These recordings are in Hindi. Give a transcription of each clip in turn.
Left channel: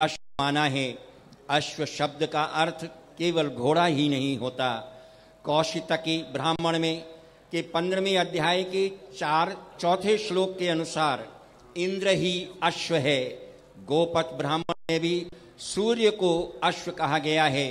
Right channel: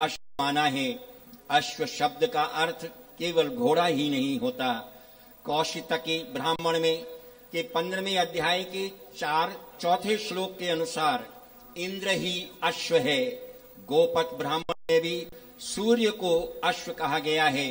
अश्व माना है। अश्व शब्द का अर्थ केवल घोड़ा ही नहीं होता। कौशितकी ब्राह्मण में के 15वें अध्याय के 4 श्लोक के अनुसार इंद्र ही अश्व है। गोपत ब्राह्मण में भी सूर्य को अश्व कहा गया है।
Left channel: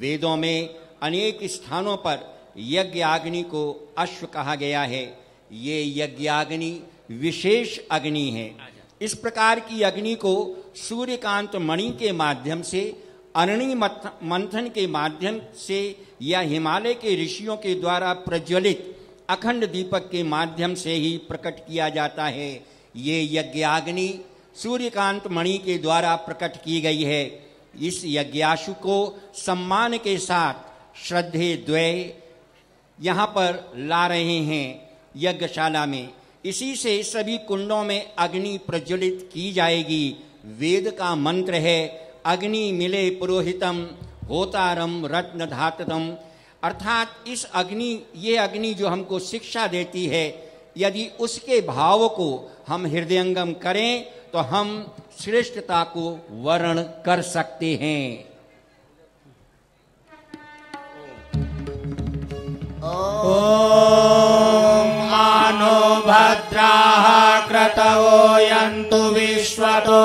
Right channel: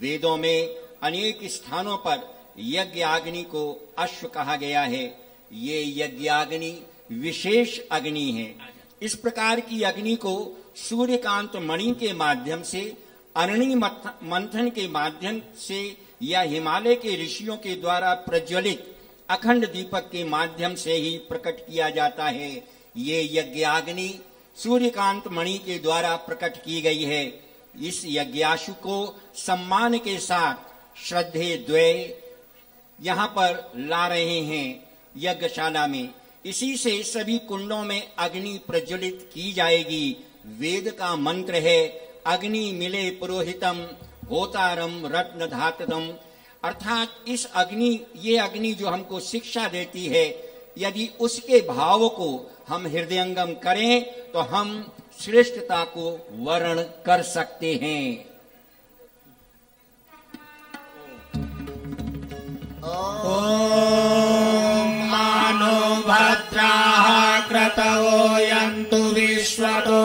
वेदों में अनेक स्थानों पर यज्ञाग्नि को अश्व कहा गया है। ये यज्ञाग्नि विशेष अग्नि है। इस प्रकार की अग्नि को सूर्यकांत मणि के माध्यम से, अरणि मंथन के माध्यम से या हिमालय के ऋषियों के द्वारा प्रज्वलित अखंड दीपक के माध्यम से ही प्रकट किया जाता है। ये यज्ञाग्नि सूर्यकांत मणि के द्वारा प्रकट की गई है। इस यज्ञाशु को सम्मान के साथ श्रद्धे द्वय यहाँ पर ला रहे हैं यज्ञशाला में। इसी से सभी कुंडों में अग्नि प्रज्वलित की जाएगी। वेद का मंत्र है, अग्नि मिले पुरोहितम होतारम रत्न धाततम। अर्थात ये अग्नि जो हमको शिक्षा देती है, यदि उसके भाव को हम हृदयंगम करें तो हम श्रेष्ठता को वर्ण कर सकते हैं। ओम मानो भद्राः क्रतवो यन्तु विश्वतो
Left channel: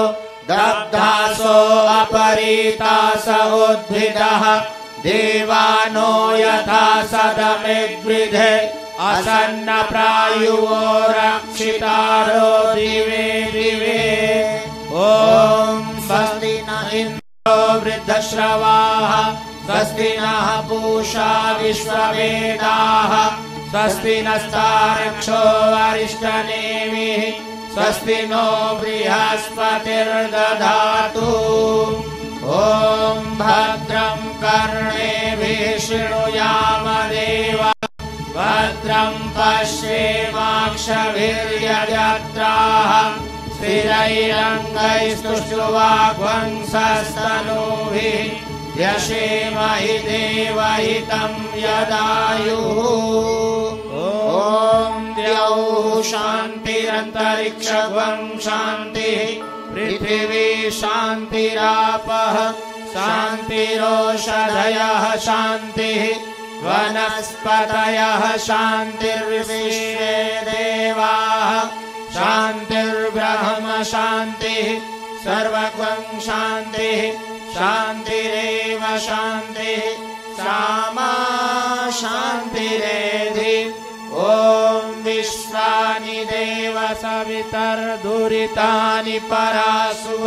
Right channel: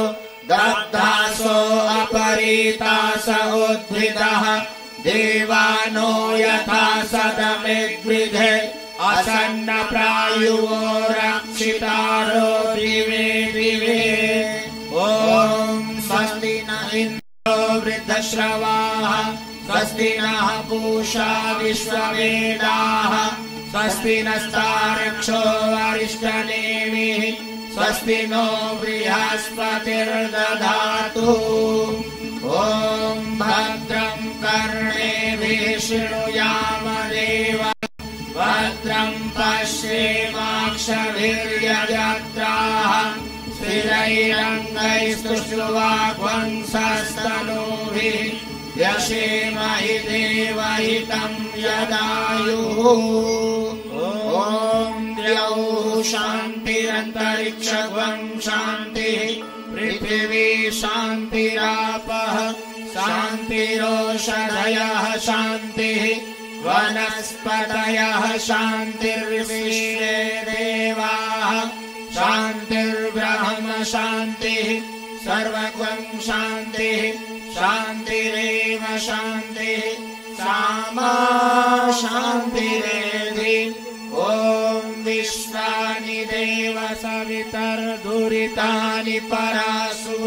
दग्धासो अपरीतास उद्भिदः देवानो यथा सदमिद्विधे असन्न प्रायुवो रक्षितारो दिवे दिवे। ओम स्वस्ति न इन्द्रो वृद्धश्रवाः स्वस्ति नः पूषा विश्ववेदाः स्वस्ति नस्तार्क्ष्यो वरिष्ठनेमिः स्वस्ति नो बृहस्पतिर्दधातु। ओम भद्रं कर्णेभिः शृणुयाम देवा भद्रं पश्येमाक्षभिर्यजत्राः स्थिरैरङ्गैस्तुष्टुवाग्वंसस्तनूभिः व्यशेमहि देवहितं यदायुः। ॐ द्यौः शान्तिरन्तरिक्षं शान्तिः पृथिवी शान्तिरापः शान्तिरोषधयः शान्तिः वनस्पतयः शान्तिर्विश्वे देवाः शान्तिर्ब्रह्म शान्तिः सर्वगं शान्तिः शान्तिरेव शान्तिः सामा शान्तिरेधि। ॐ विश्वानि देव सवितर्दुरितानि परासुव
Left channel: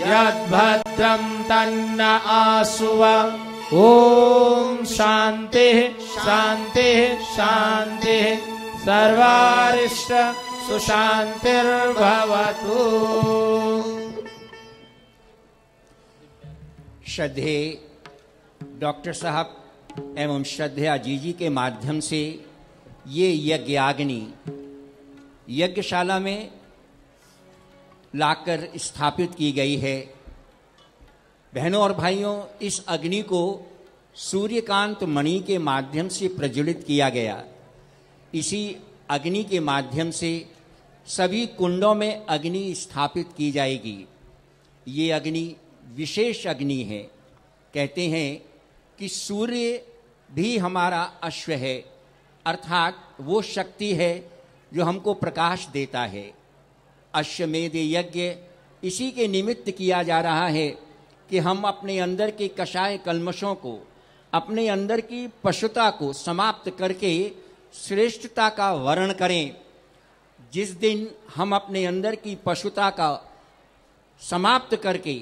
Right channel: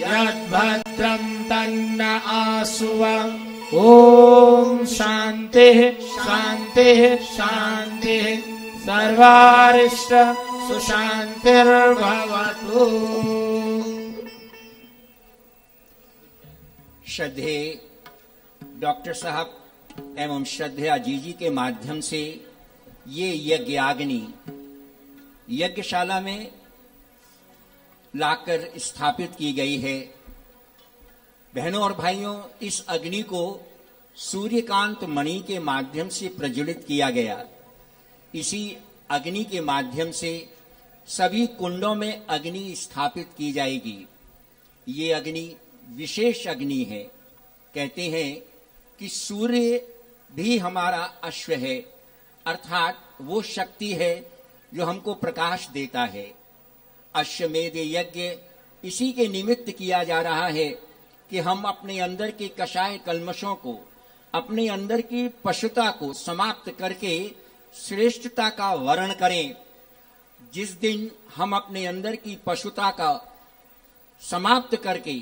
यद्भद्रं तन्न आसुव। ॐ शान्तिः शान्तिः शान्तिः सर्वारिष्ट सुशान्तिर्भवतु। श्रद्धे डॉक्टर साहब एवं श्रद्धे अजीजी के माध्यम से ये यज्ञाग्नि यज्ञशाला में लाकर स्थापित की गई है। बहनों और भाइयों, इस अग्नि को सूर्यकांत मणि के माध्यम से प्रज्वलित किया गया। इसी अग्नि के माध्यम से सभी कुंडों में अग्नि स्थापित की जाएगी। ये अग्नि विशेष अग्नि है। कहते हैं कि सूर्य भी हमारा अश्व है, अर्थात वो शक्ति है जो हमको प्रकाश देता है। अश्वमेध यज्ञ इसी के निमित्त किया जा रहा है कि हम अपने अंदर के कषाय कल्मशों को, अपने अंदर की पशुता को समाप्त करके श्रेष्ठता का वर्ण करें। जिस दिन हम अपने अंदर की पशुता का समाप्त करके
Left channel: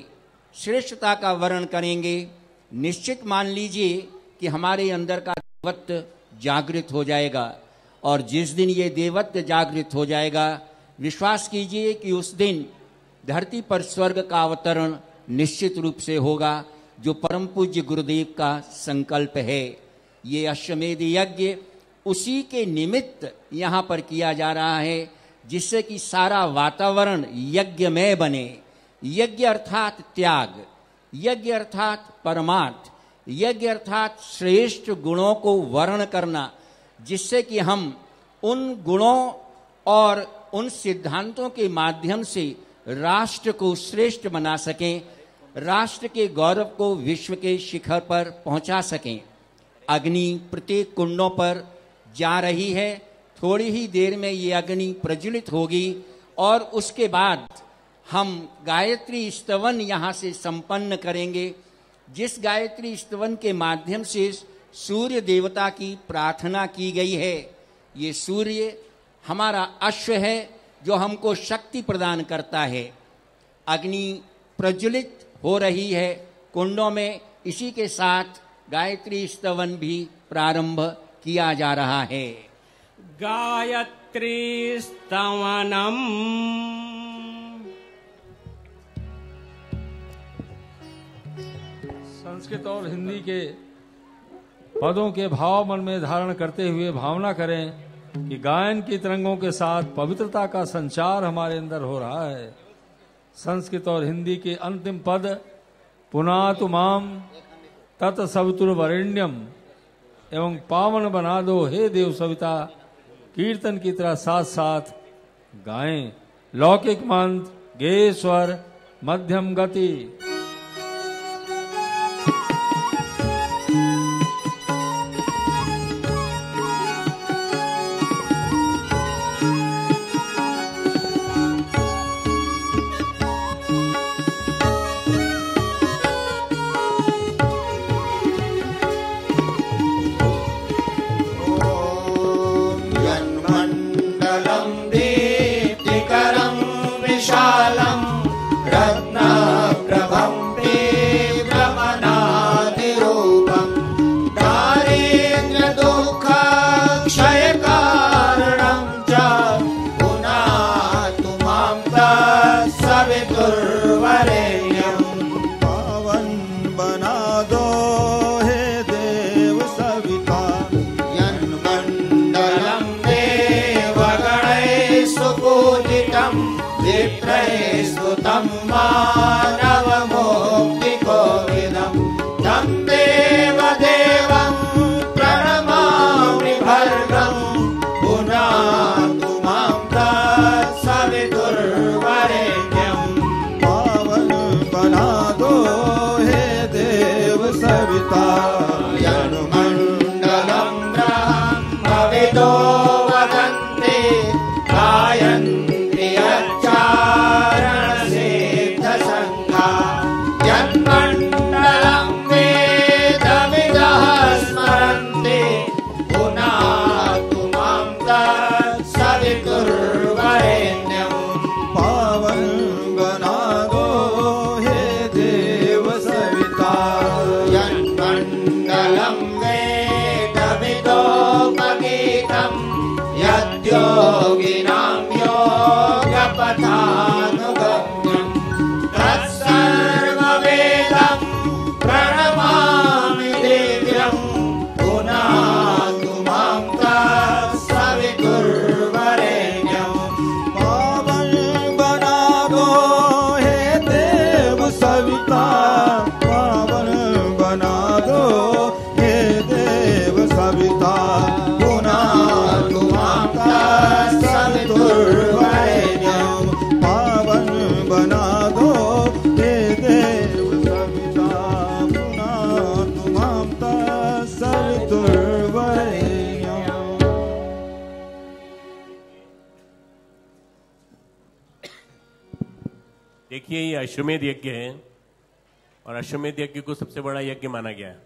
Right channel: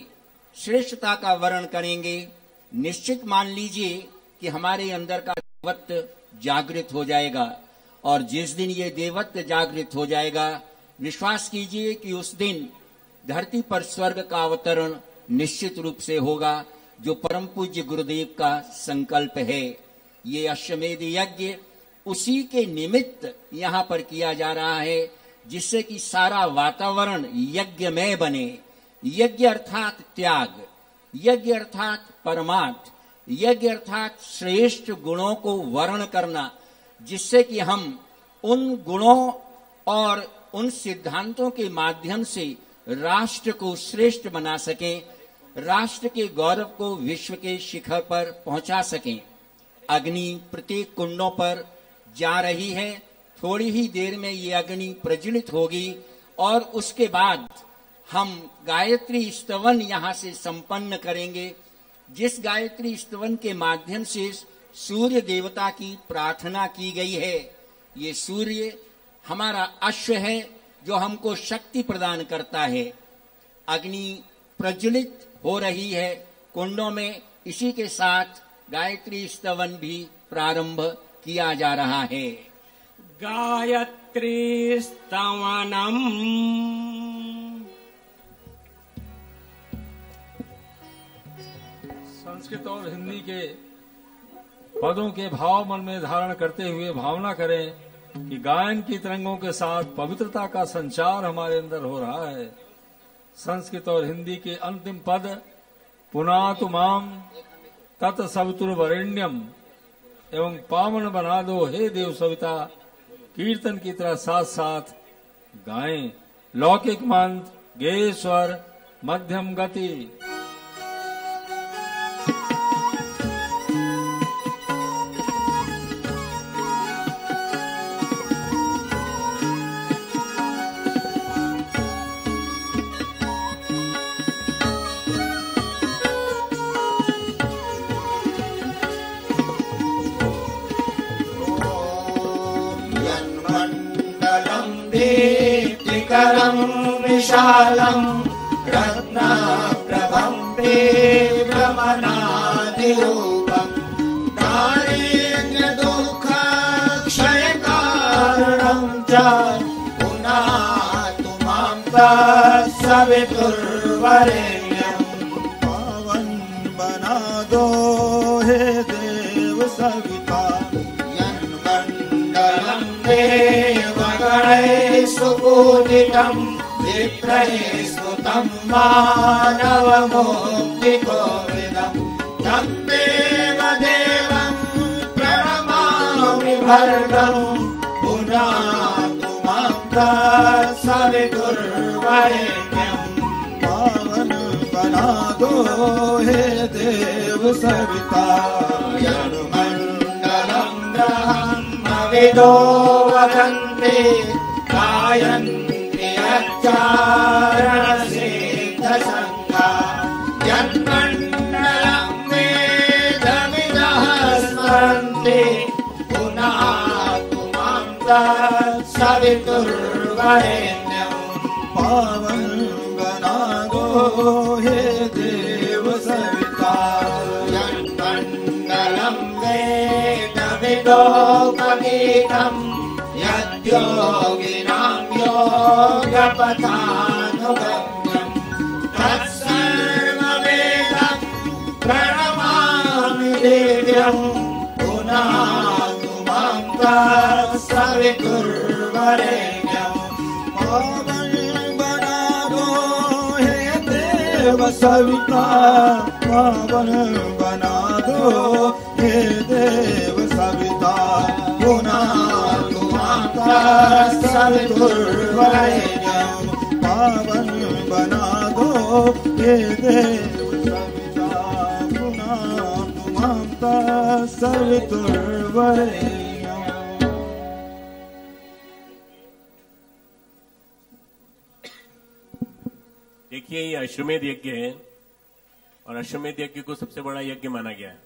श्रेष्ठता का वर्ण करेंगे, निश्चित मान लीजिए कि हमारे अंदर का देवत्व जागृत हो जाएगा। और जिस दिन ये देवत्व जागृत हो जाएगा, विश्वास कीजिए कि उस दिन धरती पर स्वर्ग का अवतरण निश्चित रूप से होगा, जो परम पूज्य गुरुदेव का संकल्प है। ये अश्वमेध यज्ञ उसी के निमित्त यहाँ पर किया जा रहा है, जिससे कि सारा वातावरण यज्ञमय बने। यज्ञ अर्थात त्याग, यज्ञ अर्थात परमार्थ, यज्ञ अर्थात श्रेष्ठ गुणों को वर्ण करना, जिससे कि हम उन गुणों और उन सिद्धांतों के माध्यम से राष्ट्र को श्रेष्ठ बना सकें राष्ट्र के गौरव को विश्व के शिखर पर पहुंचा सकें। अग्नि प्रत्येक कुंडों पर जा रही है। थोड़ी ही देर में ये अग्नि प्रज्वलित होगी और उसके बाद हम गायत्री स्तवन यहां से संपन्न करेंगे, जिस गायत्री स्तवन के माध्यम से सूर्य देवता की प्रार्थना की गई है। ये सूर्य हमारा अश्व है जो हमको शक्ति प्रदान करता है। अग्नि प्रज्वलित हो रही है कुंडों में। इसी के साथ गायत्री स्तवन भी प्रारंभ किया जा रहा है। गायत्री स्तवनम। संस्कृत और हिंदी के पदों के भाव मन में धारण करते हुए भावना करें कि गायन की तरंगों के साथ पवित्रता का संचार हमारे अंदर हो रहा है। संस्कृत और हिंदी के अंतिम पद पुनातु माम तत्सवितुर्वरेण्यम एवं पावन बना दो हे देव सविता कीर्तन की तरह साथ साथ गाएं। लौकिक मंत्र गे स्वर मध्यम गति। दीप्तिकरं विशालं रत्नप्रभं भ्रमणादिरूपं दारिद्र्यदुःखक्षयकारणं च पुनातु मां तत्सवितुर्वरेण्यं। पावन बना दो हे देव सविता यन्मण्डलं देवगणैः सुपूजितं विप्रैः स्तुतं मानवमुक्तिकोविदं तं देवदेवं प्रणमामि भर्गं पुनातु मां तत्सवितुर्वरेण्यं। पावन बना दो हे देव सविता यन्मण्डलं ब्रह्मविदो वदन्ति गायन्ति अच्चारणसिद्धसङ्गा यन्मण्डलं वेदविदः स्मरन्ति पुनातु मां तत्सवितुर्वरेण्यं। पावन बना दो हे देव सविता यन्मण्डलं वेदविदो कवीतं यद्योगिनां योगपथानुगम्यं तत्सर्ववेदं प्रणमामि दिव्यं पुनातु मां तत्सवितुर्वरेण्यं। पावन बना दो हे देव सविता पावन बना दो हे देव सविता पुनातु मां तत्सवितुर्वरेण्यं। पावन बना दो हे देव सविता पुनातु मां तत्सवितुर्वरेण्यं। देखिए, ये अश्वमेध यज्ञ है और अश्वमेध यज्ञ को सबसे बड़ा यज्ञ माना गया है।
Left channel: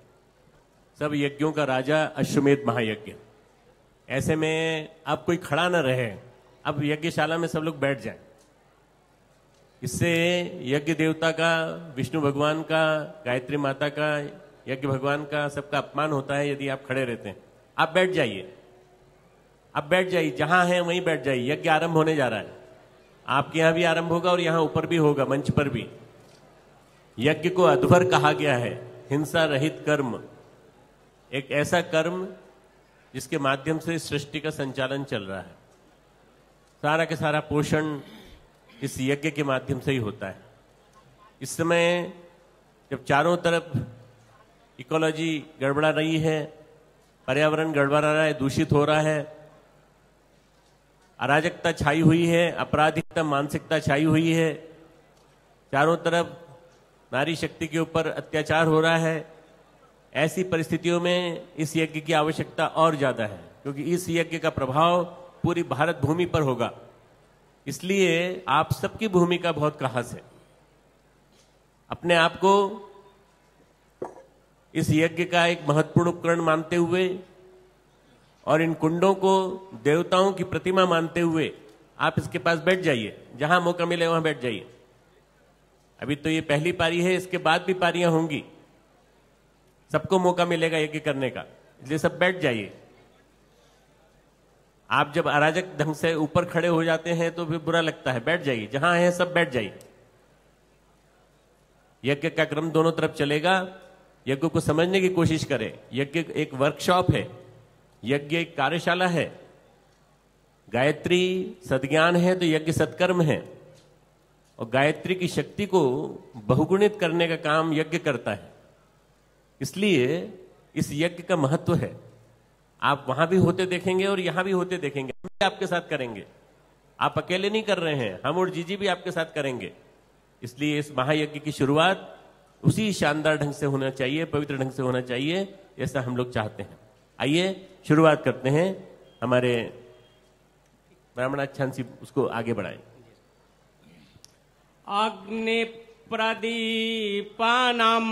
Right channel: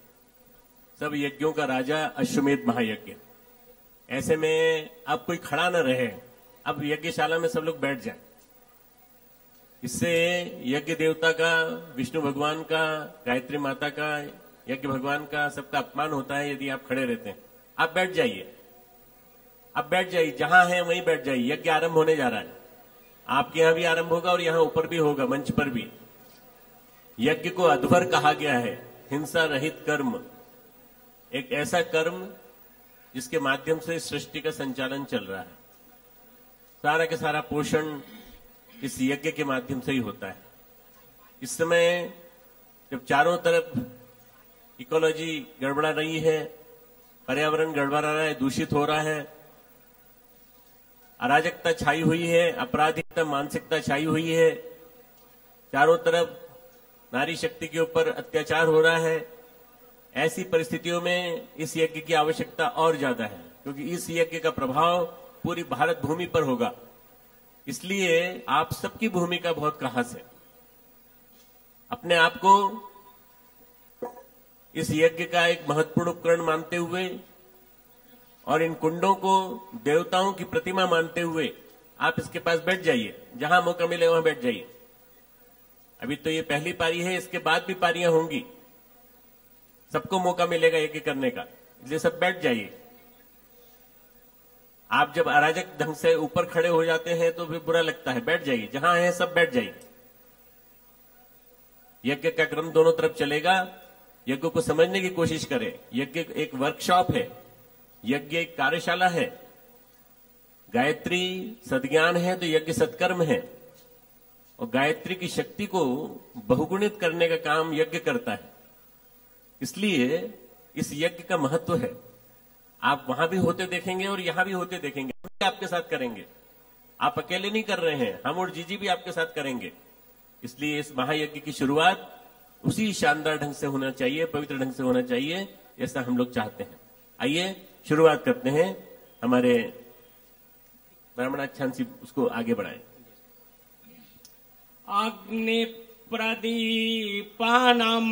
सब यज्ञों का राजा अश्वमेध महायज्ञ। ऐसे में अब कोई खड़ा न रहे, अब यज्ञशाला में सब लोग बैठ जाएं। इससे यज्ञ देवता का, विष्णु भगवान का, गायत्री माता का, यज्ञ भगवान का, सबका अपमान होता है यदि आप खड़े रहते हैं। आप बैठ जाइए, आप बैठ जाइए, जहां हैं वहीं बैठ जाइए। यज्ञ आरंभ होने जा रहा है। आपके यहां भी आरंभ होगा और यहां ऊपर भी होगा, मंच पर भी। यज्ञ को अध्वर कहा गया है, हिंसा रहित कर्म। एक ऐसा कर्म जिसके माध्यम से सृष्टि का संचालन चल रहा है। सारा के सारा पोषण इस यज्ञ के माध्यम से ही होता है। इस समय जब चारों तरफ इकोलॉजी गड़बड़ा रही है, पर्यावरण गड़बड़ा रहा है, दूषित हो रहा है, अराजकता छाई हुई है, अपराधिकता मानसिकता छाई हुई है, चारों तरफ नारी शक्ति के ऊपर अत्याचार हो रहा है, ऐसी परिस्थितियों में इस यज्ञ की आवश्यकता और ज्यादा है, क्योंकि इस यज्ञ का प्रभाव पूरी भारत भूमि पर होगा। इसलिए आप सबकी भूमिका बहुत खास है। अपने आप को इस यज्ञ का एक महत्वपूर्ण उपकरण मानते हुए और इन कुंडों को देवताओं की प्रतिमा मानते हुए आप इसके पास बैठ जाइए, जहां मौका मिले वहां बैठ जाइए। अभी तो ये पहली पारी है, इसके बाद भी पारियां होंगी, सबको मौका मिलेगा यज्ञ करने का, इसलिए सब बैठ जाइए। आप जब अराजक ढंग से ऊपर खड़े हो जाते हैं तो फिर बुरा लगता है, बैठ जाइए, जहां है सब बैठ जाइए। यज्ञ का क्रम दोनों तरफ चलेगा, यज्ञ को समझने की कोशिश करें। यज्ञ एक वर्कशॉप है, यज्ञ एक कार्यशाला है। गायत्री सद्ज्ञान है तो यज्ञ सत्कर्म है, और गायत्री की शक्ति को बहुगुणित करने का काम यज्ञ करता है। इसलिए इस यज्ञ का महत्व है। आप वहां भी होते देखेंगे और यहां भी होते देखेंगे, हम भी आपके साथ करेंगे। आप अकेले नहीं कर रहे हैं, हम और जीजी भी आपके साथ करेंगे। इसलिए इस महायज्ञ की शुरुआत उसी शानदार ढंग से होना चाहिए, पवित्र ढंग से होना चाहिए, ऐसा हम लोग चाहते हैं। आइए शुरुआत करते हैं। हमारे ब्राह्मणाचार्य उसको आगे बढ़ाएं। अग्नि प्रदीपनम,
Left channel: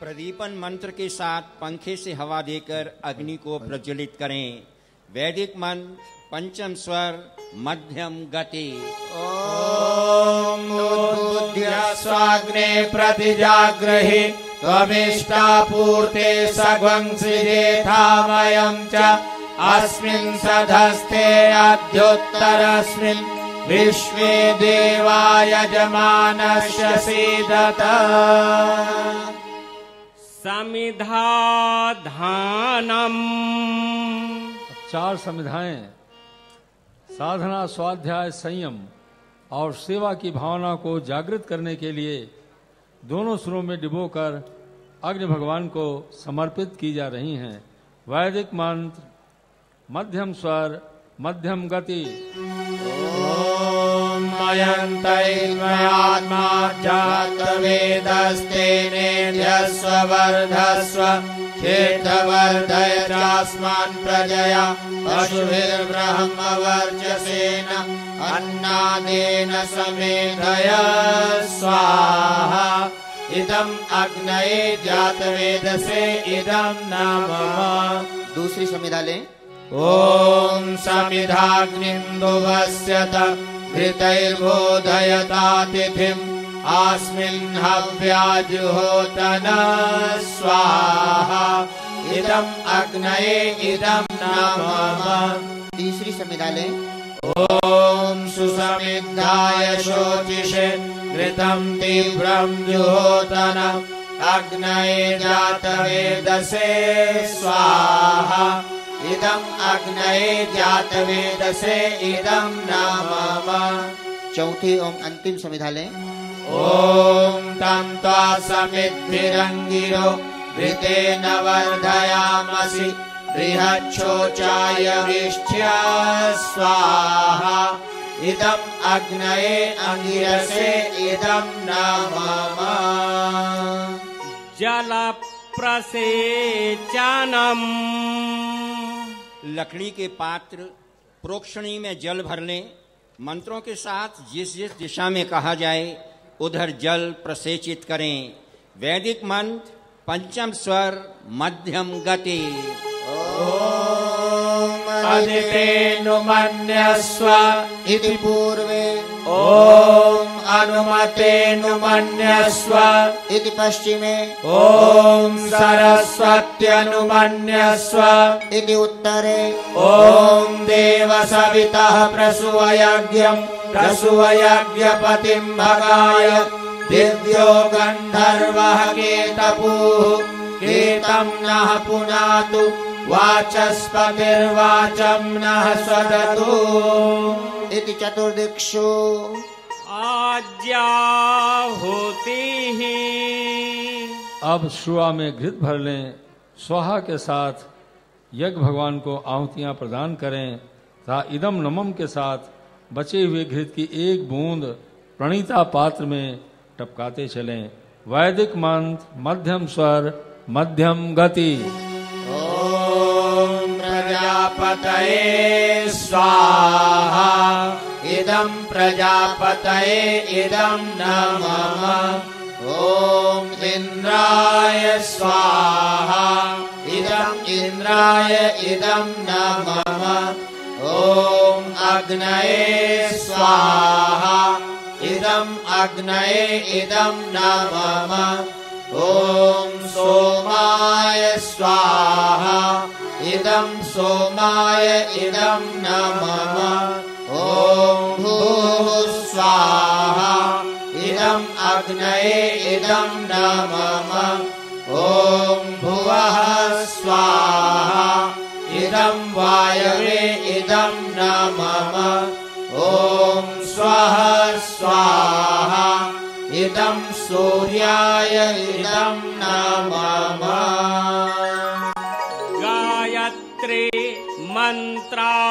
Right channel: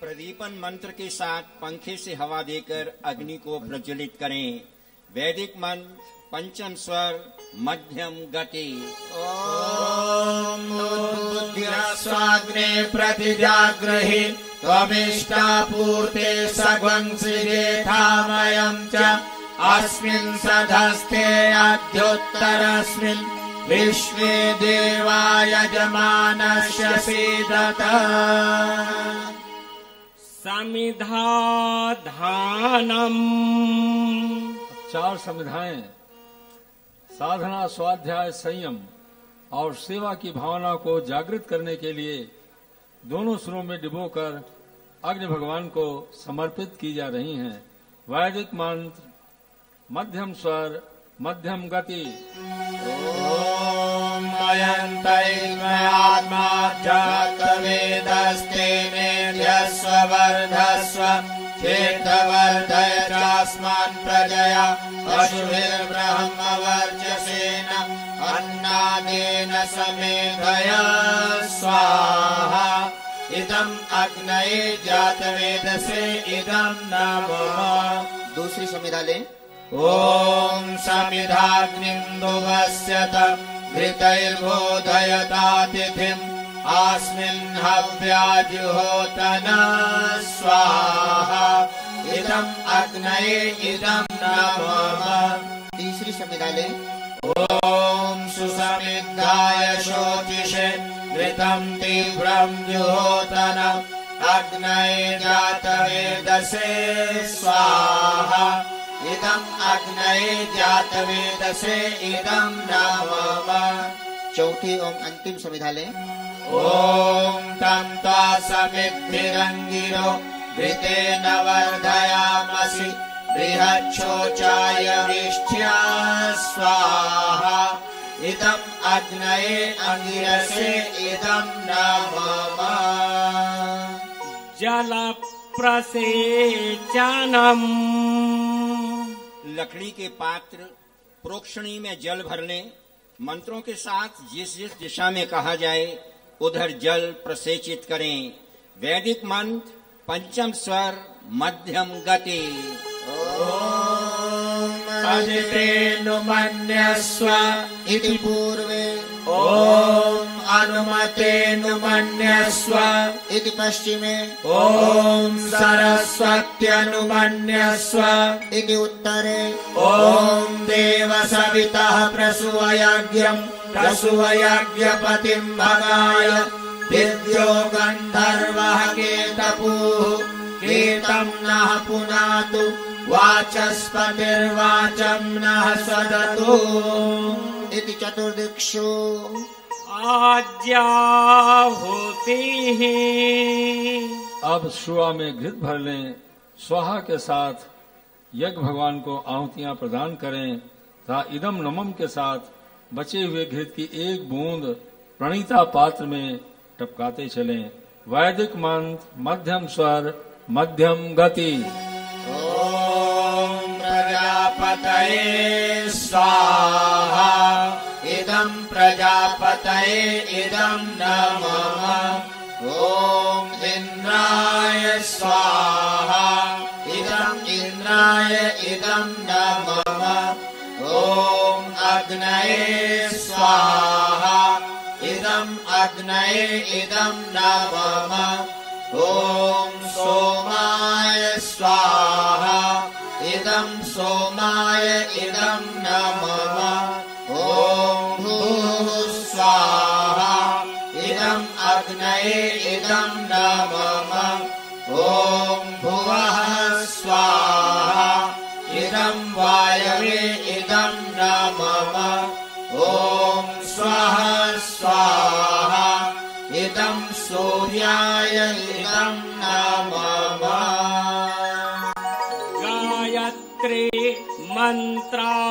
प्रदीपन मंत्र के साथ पंखे से हवा देकर अग्नि को प्रज्वलित करें। वैदिक मंत्र पंचम स्वर मध्यम गति। ॐ उद्बुद्ध्यास्वाग्ने प्रतिजाग्रहि त्वमिष्टापूर्ते सग्वंसिरेथामयम् च अस्मिन् सधस्ते अद्योत्तरस्मिन् विश्वे देवाय यजमानस्य सीदत। समिधाधानम, 4 समिधाएं साधना, स्वाध्याय, संयम और सेवा की भावना को जागृत करने के लिए दोनों सुरों में डुबोकर अग्नि भगवान को समर्पित की जा रही हैं। वैदिक मंत्र मध्यम स्वर मध्यम गति। ॐ मयन्तैर्मयात्मा जातवेदस्ते मेध्यस्व वर्धस्व क्षेत्रवर्धय चास्मान् प्रजया पशुभिर्ब्रह्मवर्चसेन अन्नादेन समेधय स्वाहा। इदम् अग्नये जातवेदसे इदम् नमः। दूसरी समिधा लें। ॐ समिधाग्निन्दुवस्यत घृतैर्बोधयतातिथिम् अस्मिन् हव्याजुहोतन स्वाहा। इदम् अग्नये इदम् नमः। तीसरी समिधा लें। ॐ सुसमिद्धाय शोचिषे घृतम् तीव्रम् जुहोतन अग्नये जातवेदसे स्वाहा। इदम् अग्नये जातवेदसे इदम् नमः। चौथी और अंतिम समिधा लें। ॐ तन्त्वा समिद्भिरङ्गिरो घृतेन वर्धयामसि बृहच्छोचाय वृष्ट्या स्वाहा। इदम् अग्नये अङ्गिरसे इदम् नमः। जल प्रसेचनम, लकड़ी के पात्र प्रोक्षणी में जल भर लें। मंत्रों के साथ जिस जिस दिशा में कहा जाए उधर जल प्रसेचित करें। वैदिक मंत्र पंचम स्वर मध्यम गति। अजितेनुमन्यस्व इति पूर्वे ॐ अनुमतेनुमन्यस्व इति पश्चिमे ॐ सरस्वत्यनुमन्यस्व इति उत्तरे ॐ देवसवितः प्रसूयज्ञम् प्रसूयज्ञपतिम् भगाय दिव्यो गन्धर्वः केतपुः केतम् नः पुनातु वाचस्पतिर्वाचम् नः स्वदतु इति चतुर्दिक्षु आज्याहुतिः। अब शुआ में घृत भर लें। स्वाहा के साथ यज्ञ भगवान को आहुतियां प्रदान करें तथा इदम नमम के साथ बचे हुए घृत की एक बूंद प्रणीता पात्र में टपकाते चलें। वैदिक मंत्र, मध्यम स्वर, मध्यम गति। ॐ प्रजापतये स्वाहा इदं प्रजापतये इदं नमः। ॐ इन्द्राय स्वाहा इदं इन्द्राय इदं नमः। ॐ अग्नये स्वाहा इदं अग्नये इदं नमः। ॐ सोमाय स्वाहा इदं सोमाय इदं नमः। ॐ भूः स्वाहा इदं अग्नये इदं नमः। ॐ भुवः स्वाहा इदं वायवे इदं नमः। ॐ स्वः स्वाहा इदं सूर्याय इदं नमः। गायत्री मंत्राहुतिः।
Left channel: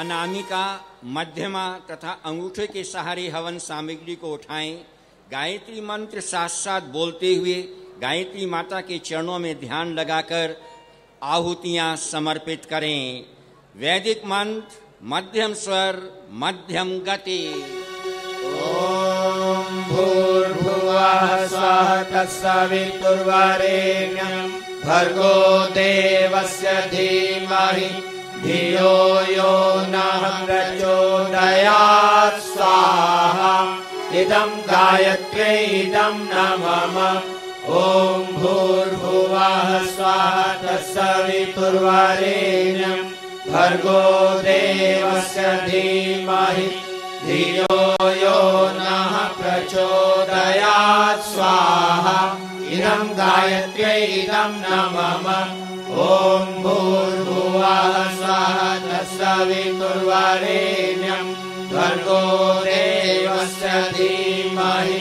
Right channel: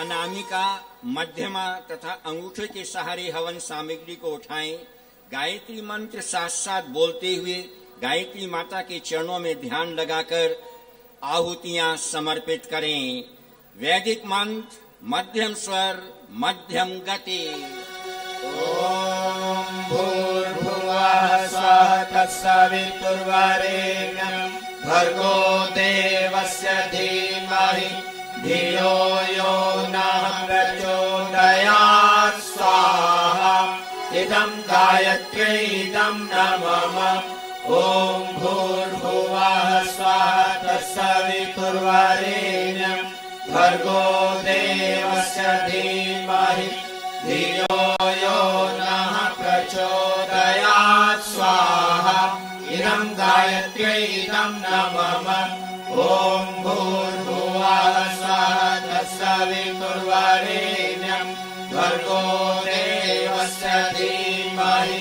अनामिका, मध्यमा तथा अंगूठे के सहारे हवन सामग्री को उठाएं। गायत्री मंत्र साथ साथ बोलते हुए गायत्री माता के चरणों में ध्यान लगाकर आहुतियां समर्पित करें। वैदिक मंत्र, मध्यम स्वर, मध्यम गति। ॐ भूर्भुवः स्वः तत्सवितुर्वरेण्यं भर्गो देवस्य धीमहि धियो यो नः प्रचोदयात्। स्वाहा इदं गायत्र्यै इदं नमः। ॐ भूर्भुवः स्वः तत्सवितुर्वरेण्यं भर्गो देवस्य धीमहि धियो यो नः प्रचोदयात्। स्वाहा इदं गायत्र्यै इदं नमः। ॐ भूर्भुवः स्वः तत्सवितुर्वरेण्यं भर्गो देवस्य धीमहि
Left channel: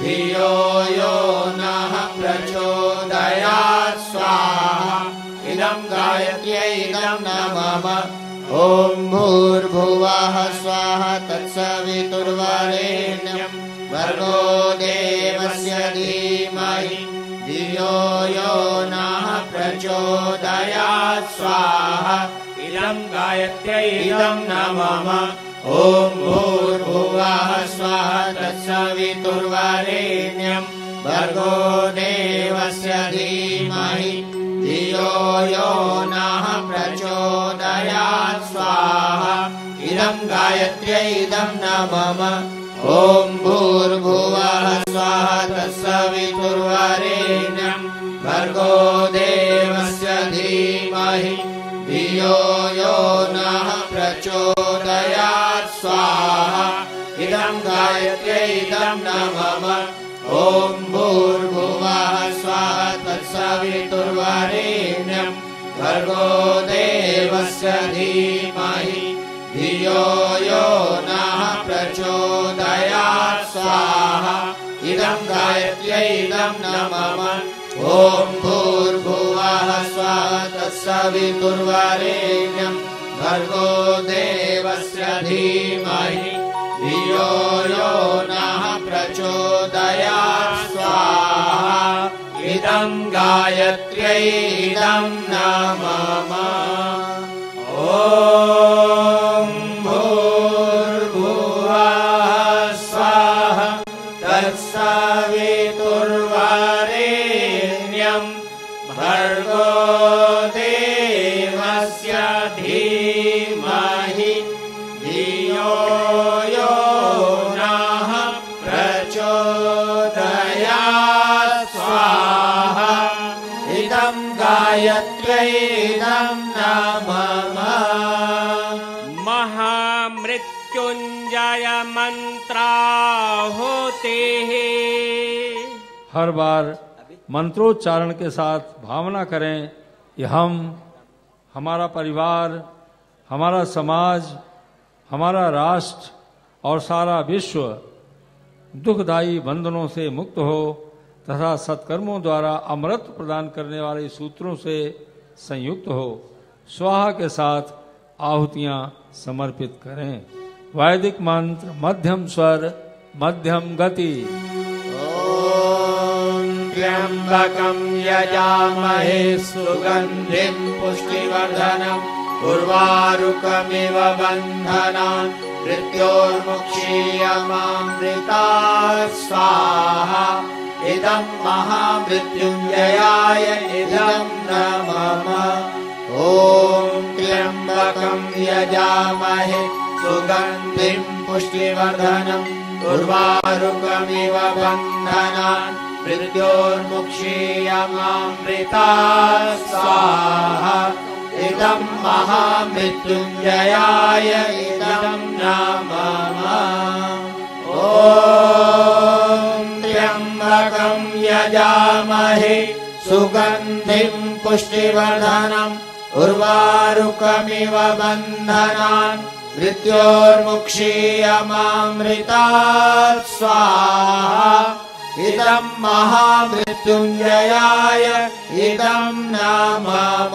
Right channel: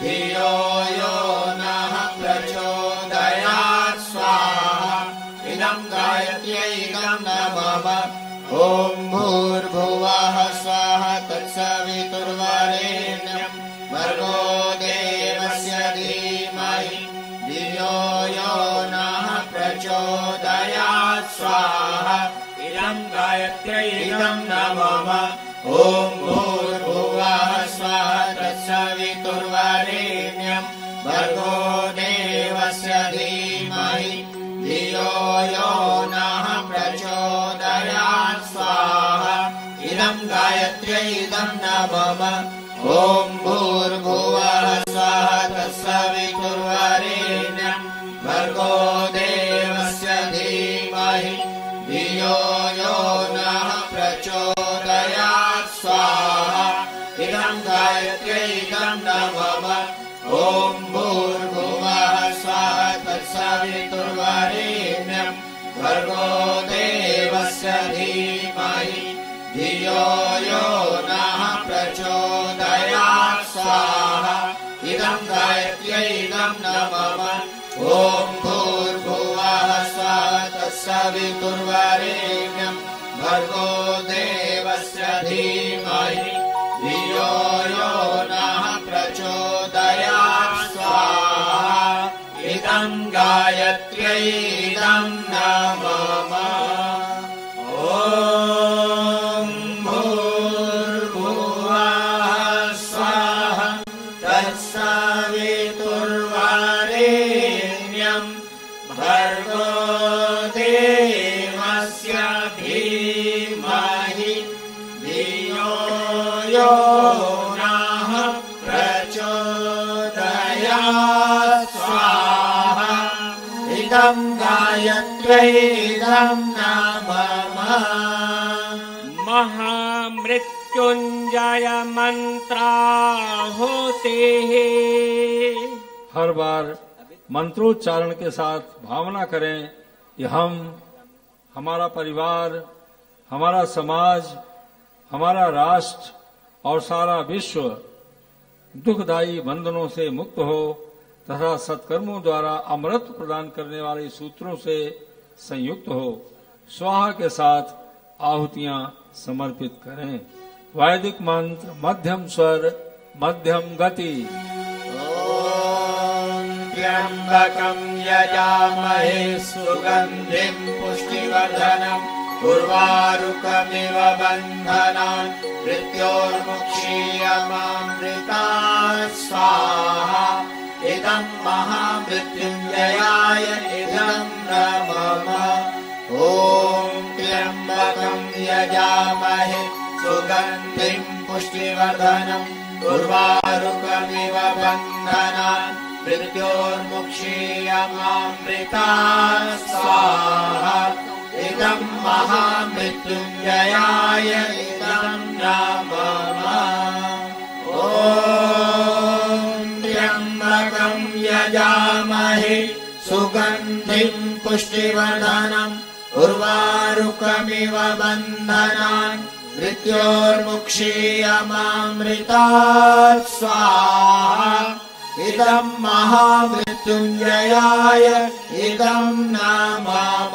धियो यो नः प्रचोदयात्। स्वाहा इदं गायत्र्यै इदं नमः। ॐ भूर्भुवः स्वः तत्सवितुर्वरेण्यं भर्गो देवस्य धीमहि धियो यो नः प्रचोदयात्। स्वाहा इदं गायत्र्यै इदं नमः। ॐ भूर्भुवः स्वः तत्सवितुर्वरेण्यं भर्गो देवस्य धीमहि धियो यो नः प्रचोदयात्। स्वाहा इदं गायत्र्यै इदं नमः। ॐ भूर्भुवः स्वः तत्सवितुर्वरेण्यं भर्गो देवस्य धीमहि धियो यो नः प्रचोदयात्। स्वाहा इदं गायत्र्यै इदं नमः। ॐ भूर्भुवः स्वः तत्सवितुर्वरेण्यं भर्गो देवस्य धीमहि धियो यो नः प्रचोदयात्। स्वाहा इदं गायत्र्यै इदं नमः। ॐ भूर्भुवः स्वः तत्सवितुर्वरेण्यं भर्गो देवस्य धीमहि धियो यो नः प्रचोदयात्। स्वाहा इदं गायत्र्यै इदं नमः। ॐ भूर्भुवः स्वः तत्सवितुर्वरेण्यं भर्गो देवस्य धीमहि धियो यो नः प्रचोदयात्। स्वाहा इदं गायत्र्यै इदं नमः। महामृत्युंजय मंत्राहुतिः। हर बार मंत्रोच्चारण के साथ भावना करें कि हम, हमारा परिवार, हमारा समाज, हमारा राष्ट्र और सारा विश्व दुखदायी बंधनों से मुक्त हो तथा सत्कर्मों द्वारा अमृत प्रदान करने वाले सूत्रों से संयुक्त हो। स्वाहा के साथ आहुतियां समर्पित करें। वैदिक मंत्र मध्यम स्वर मध्यम गति। ॐ त्र्यम्बकं यजामहे सुगन्धिं पुष्टिवर्धनम् उर्वारुकमिव बन्धनान् मृत्योर्मुक्षीयमामृतात् स्वाहा। इदं महामृत्युञ्जयाय इदं न मम। ॐ त्र्यम्बकं यजामहे सुगन्धिं पुष्टिवर्धनम् उर्वारुकमिव बन्धनान् मृत्योर्मुक्षीयमामृतात् स्वाहा। इदं महामृत्युञ्जयाय इदं न मम। ॐ त्र्यम्बकं यजामहे सुगन्धिं पुष्टिवर्धनम् उर्वारुकमिव बन्धनान् मृत्योर्मुक्षीयमामृतात् स्वाहा। इदं महामृत्युञ्जयाय इदं न मम।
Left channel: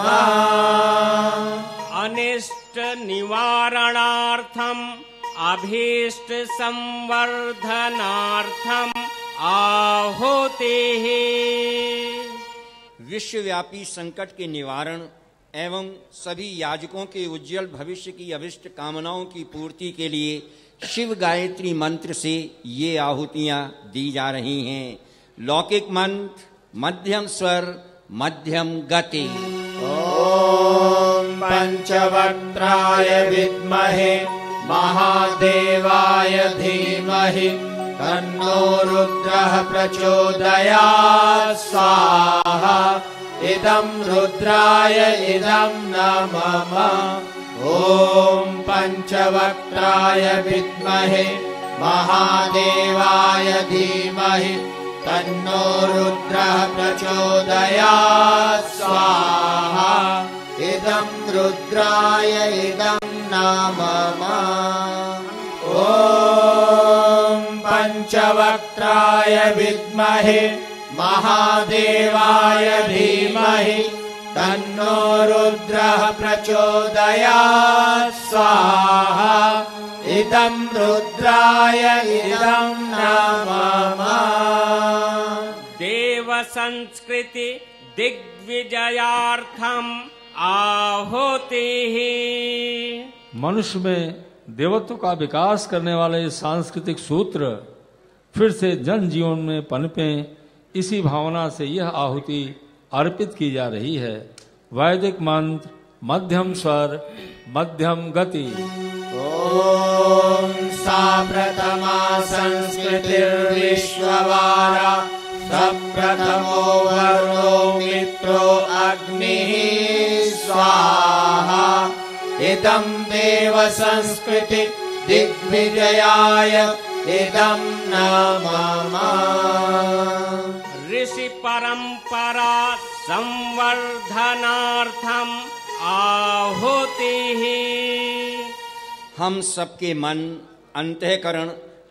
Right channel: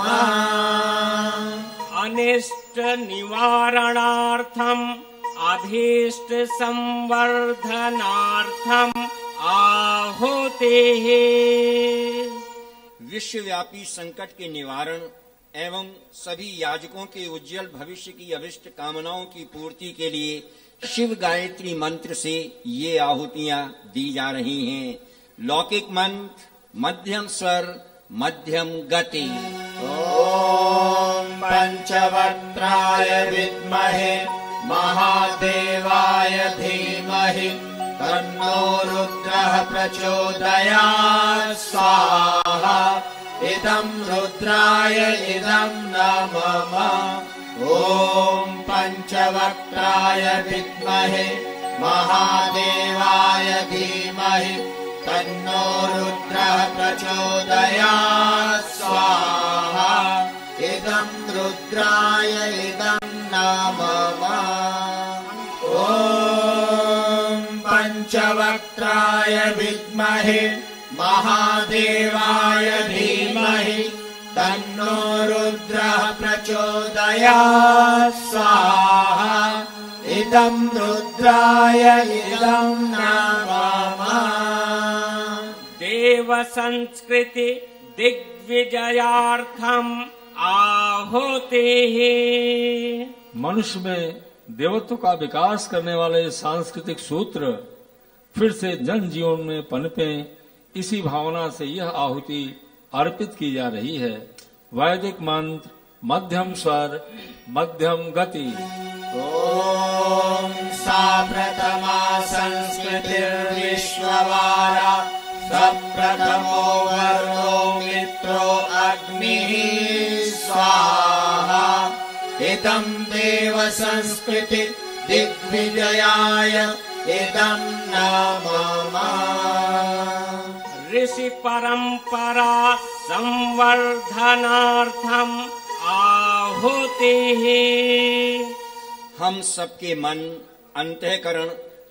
अनिष्ट निवारणार्थम अभीष्ट संवर्धनार्थम आहुतिः। विश्वव्यापी संकट के निवारण एवं सभी याजकों के उज्जवल भविष्य की अभिष्ट कामनाओं की पूर्ति के लिए शिव गायत्री मंत्र से ये आहुतियां दी जा रही हैं। लौकिक मंत्र मध्यम स्वर मध्यम गति। ॐ पंचवक्त्राय विद्महे महादेवाय धीमहि तन्नो रुद्रः प्रचोदयात् स्वाहा। इदं रुद्राय इदं न मम। ॐ पंचवक्त्राय विद्महे महादेवाय धीमहि तन्नो रुद्रः प्रचोदयात् स्वाहा। इदं रुद्राय इदं न मम। ॐ पंचवक्त्राय विद्महे महादेवाय धीमहि तन्नो रुद्रः प्रचोदयात् स्वाहा। इदं रुद्राय इदं न मम। देव संस्कृति दिग्विजयार्थम आहुतिः। मनुष्य में देवत्व का विकास करने वाले सांस्कृतिक सूत्र फिर से जन जीवन में पनपे, इसी भावना से यह आहुति अर्पित की जा रही है। वैदिक मंत्र मध्यम स्वर मध्यम गति। ॐ सा प्रथमा संस्कृतिर्विश्ववारा सप्रथमो वर्णो मित्रो अग्निः स्वाहा। इदं देव संस्कृति दिग्विजयाय इदं न मम। ऋषि परंपरा संवर्धनार्थम आहुतिः। हम सबके मन अंतःकरण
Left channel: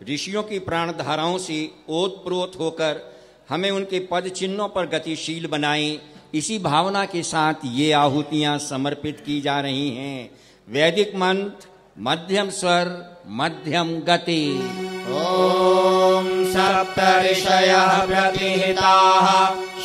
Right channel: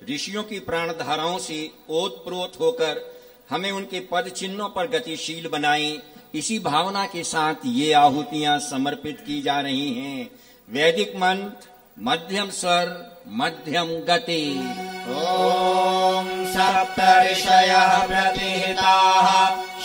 ऋषियों की प्राण धाराओं से ओतप्रोत होकर हमें उनके पद चिन्हों पर गतिशील बनाएं, इसी भावना के साथ ये आहुतियां समर्पित की जा रही हैं। वैदिक मंत्र मध्यम स्वर मध्यम गति। ॐ सप्त ऋषयः प्रतिहिताः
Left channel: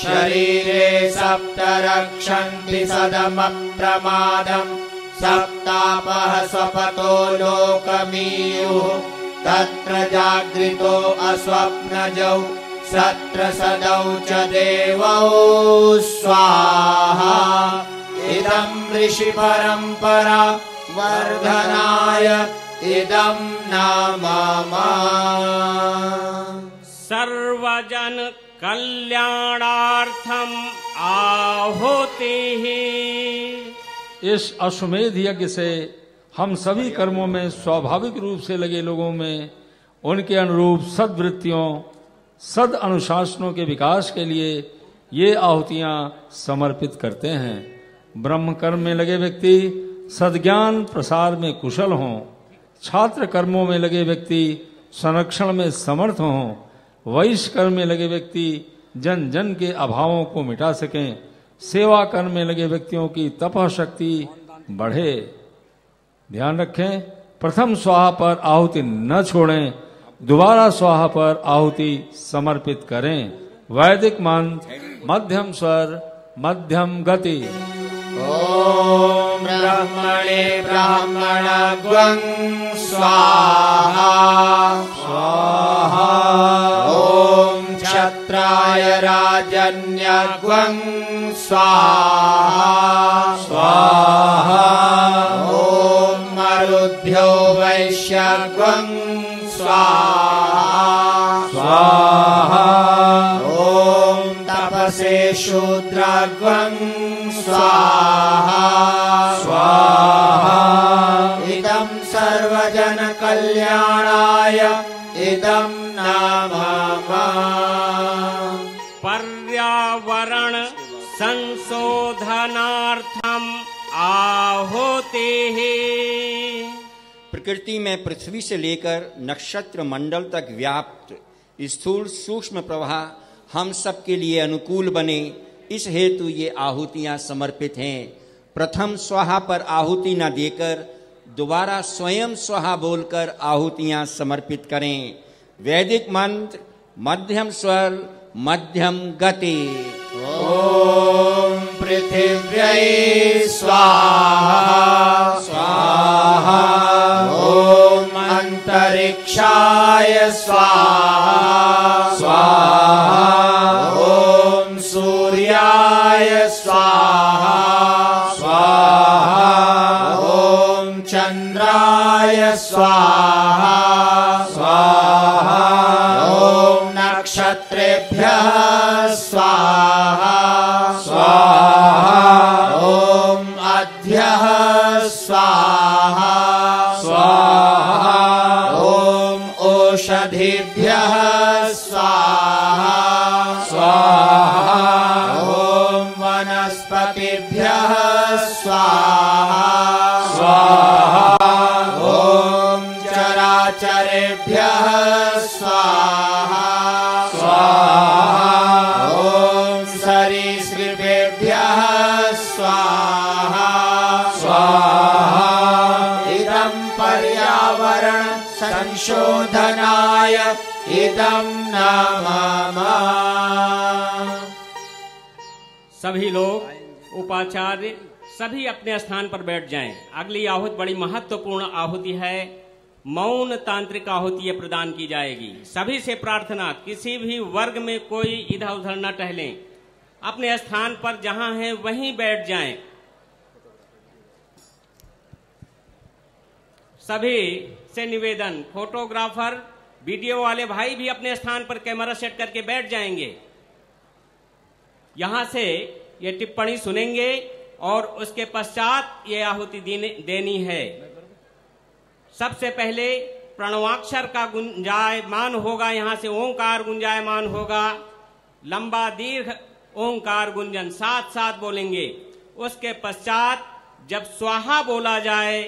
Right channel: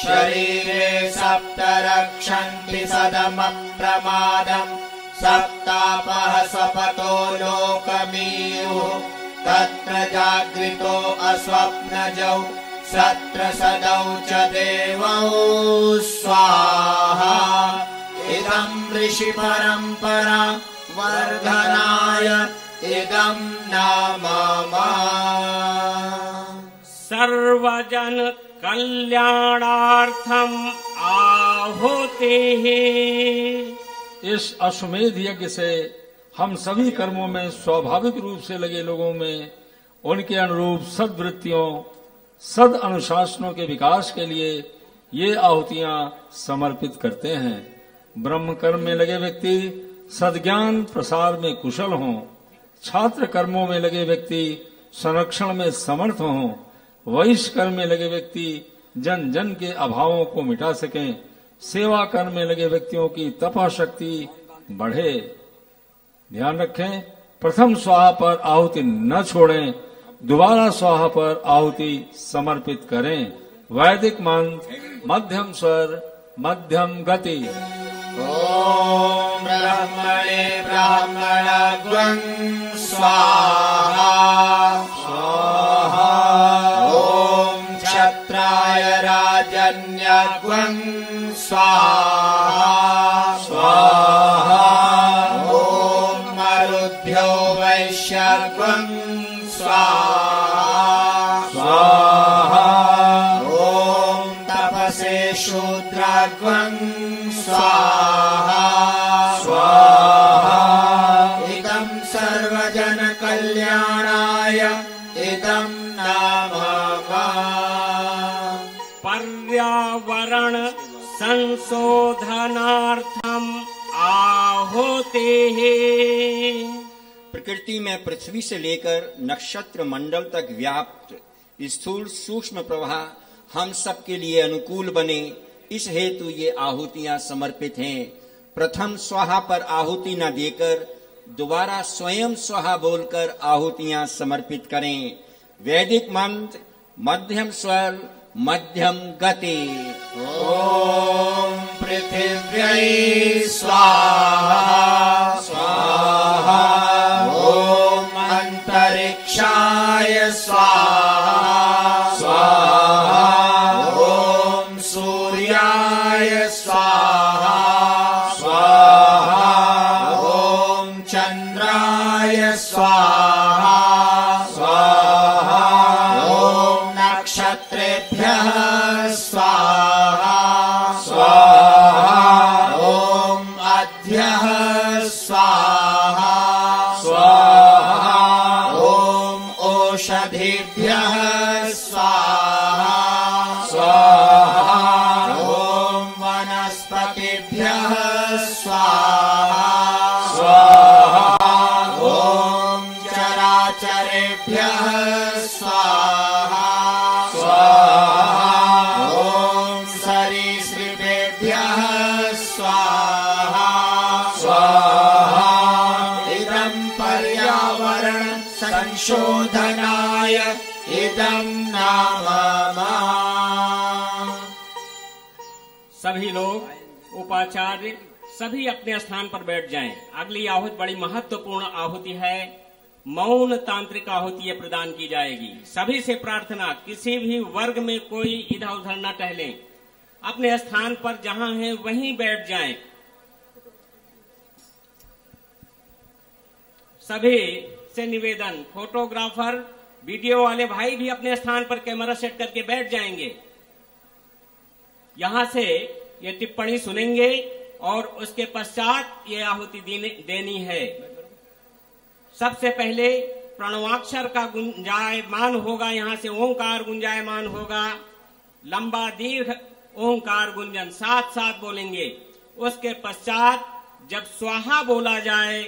शरीरे सप्त रक्षन्ति सदमप्रमादम् सप्तापः स्वपतो लोकमीयुः तत्र जागृतो अस्वप्नजौ सत्र सदौ च देवौ स्वाहा। इदं ऋषि परंपरा वर्धनाय इदं न मम। सर्वजन कल्याणार्थम आहुतिः। इस अश्वमेध यज्ञ से हम सभी कर्मों में स्वाभाविक रूप से लगे लोगों में उनके अनुरूप सद्वृत्तियों सद अनुशासनों के विकास के लिए ये आहुतियां समर्पित करते हैं। ब्रह्म कर्म में लगे व्यक्ति सद्ज्ञान प्रसार में कुशल हों, छात्र कर्मों में लगे व्यक्ति संरक्षण में समर्थ हों, वैश्य कर्म में लगे व्यक्ति जन जन के अभावों को मिटा सकें, सेवा कर्म में लगे व्यक्तियों की तपः शक्ति बढ़े। ध्यान रखें, प्रथम स्वाहा पर आहुति न छोड़ें, दोबारा स्वाहा पर आहुति समर्पित करें। वैदिक मंत्र, मध्यम स्वर, मध्यम गति। ॐ ब्रह्मणे ब्राह्मणग्वं स्वाहा स्वाहा। ॐ क्षत्राय राजन्यग्वं स्वाहा स्वाहा। ॐ मरुद्भ्यो वैश्यग्वं स्वाहा स्वाहा। ॐ तपसे शूद्रग्वं स्वाहा स्वाहा। इदं सर्वजन कल्याणाय इदं नाम पर्यावरण संशोधनार्थम आहुतिः। प्रकृति में पृथ्वी से लेकर नक्षत्र मंडल तक व्याप्त स्थूल सूक्ष्म प्रवाह हम सब के लिए अनुकूल बने, इस हेतु ये आहुतियां समर्पित हैं। प्रथम स्वाहा पर आहुति न देकर दोबारा स्वयं स्वाहा बोलकर आहुतियां समर्पित करें। वैदिक मंत्र, मध्यम स्वर, मध्यम गति। ॐ पृथिव्यै स्वाहा स्वाहा। ॐ अन्तरिक्षाय स्वाहा स्वाहा। ॐ सूर्याय स्वाहा स्वाहा। ॐ चन्द्राय स्वाहा स्वाहा। ॐ नक्षत्रेभ्यः स्वाहा स्वाहा। ॐ अद्यः स्वाहा स्वाहा। ॐ ओषधीभ्यः स्वाहा स्वाहा। ॐ वनस्पतिभ्यः स्वाहा स्वाहा। ॐ चराचरेभ्यः स्वाहा स्वाहा। ॐ सरीसृपेभ्यः स्वाहा स्वाहा। इदं पर्यावरण संशोधनाय इदं नाम। सभी लोग उपाचार्य सभी अपने स्थान पर बैठ जाएं। अगली आहुति बड़ी महत्वपूर्ण आहुति है। मौन तांत्रिक आहुति प्रदान की जाएगी। सभी से प्रार्थना, किसी भी वर्ग में कोई इधर उधर न टहलें, अपने स्थान पर जहां हैं वहीं बैठ जाएं। सभी से निवेदन, फोटोग्राफर, वीडियो वाले भाई भी अपने स्थान पर कैमरा सेट करके बैठ जाएंगे। यहां से ये टिप्पणी सुनेंगे और उसके पश्चात ये आहुति देनी है। सबसे पहले प्रणवाक्षर का गुंजायमान होगा, यहां से ओंकार गुंजायमान होगा। लंबा दीर्घ ओंकार गुंजन साथ साथ बोलेंगे। उसके पश्चात जब स्वाहा बोला जाए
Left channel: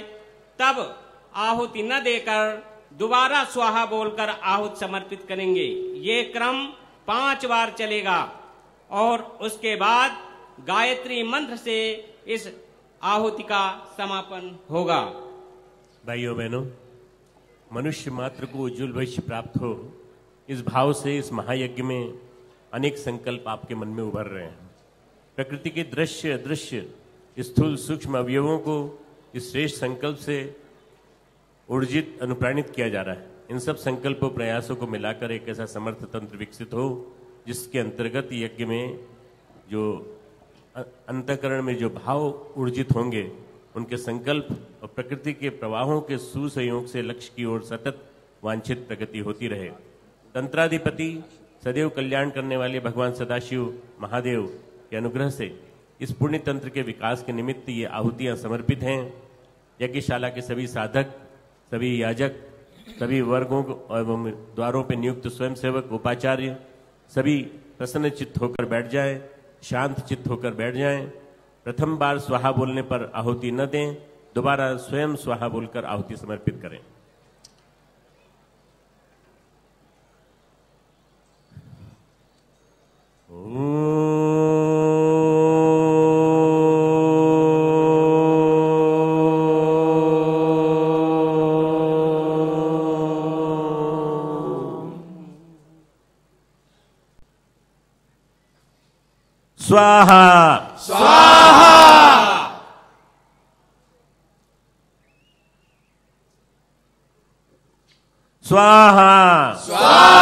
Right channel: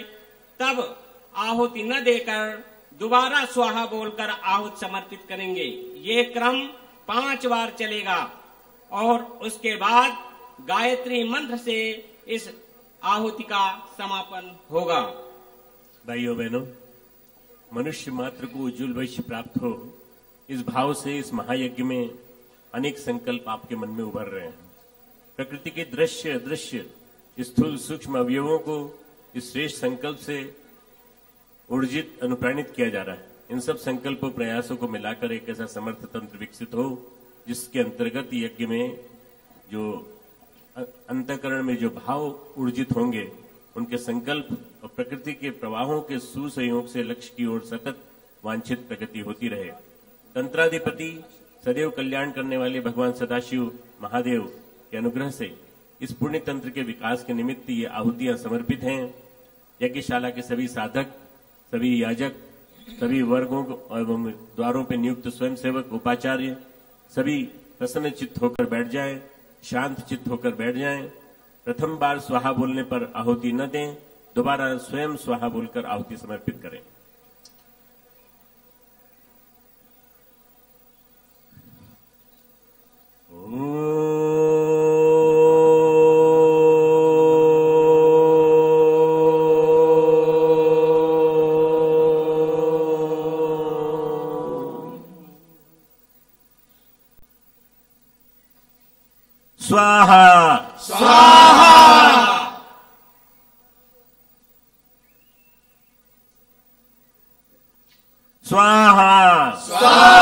तब आहुति न देकर दोबारा स्वाहा बोलकर आहुति समर्पित करेंगे। ये क्रम 5 बार चलेगा और उसके बाद गायत्री मंत्र से इस आहुति का समापन होगा। भाइयों बहनों, मनुष्य मात्र को उज्जवल भविष्य प्राप्त हो, इस भाव से इस महायज्ञ में अनेक संकल्प आपके मन में उभर रहे हैं। प्रकृति के दृश्य अदृश्य स्थूल सूक्ष्म अवयवों को इस श्रेष्ठ संकल्प से ऊर्जित अनुप्राणित किया जा रहा है। इन सब संकल्पों प्रयासों को मिलाकर एक ऐसा समर्थ तंत्र विकसित हो जिसके अंतर्गत यज्ञ में जो अंतःकरण में जो भाव ऊर्जित होंगे, उनके संकल्प और प्रकृति के प्रवाहों के सुसंयोग से लक्ष्य की ओर सतत वांछित प्रगति होती रहे। तंत्राधिपति सदैव कल्याण करने वाले भगवान सदाशिव महादेव के अनुग्रह से इस पुण्य तंत्र के विकास के निमित्त ये आहुतियां समर्पित हैं। यज्ञशाला के सभी साधक, सभी याजक, सभी वर्गों एवं द्वारों पर नियुक्त स्वयंसेवक, उपाचार्य सभी प्रसन्न चित्त होकर बैठ जाएं, शांत चित्त होकर बैठ जाएं। प्रथम बार स्वाहा बोलने पर आहुति न दें, दोबारा स्वयं स्वाहा बोलकर आहुति समर्पित करें। स्वाहा स्वाहा स्वाहा स्वाहा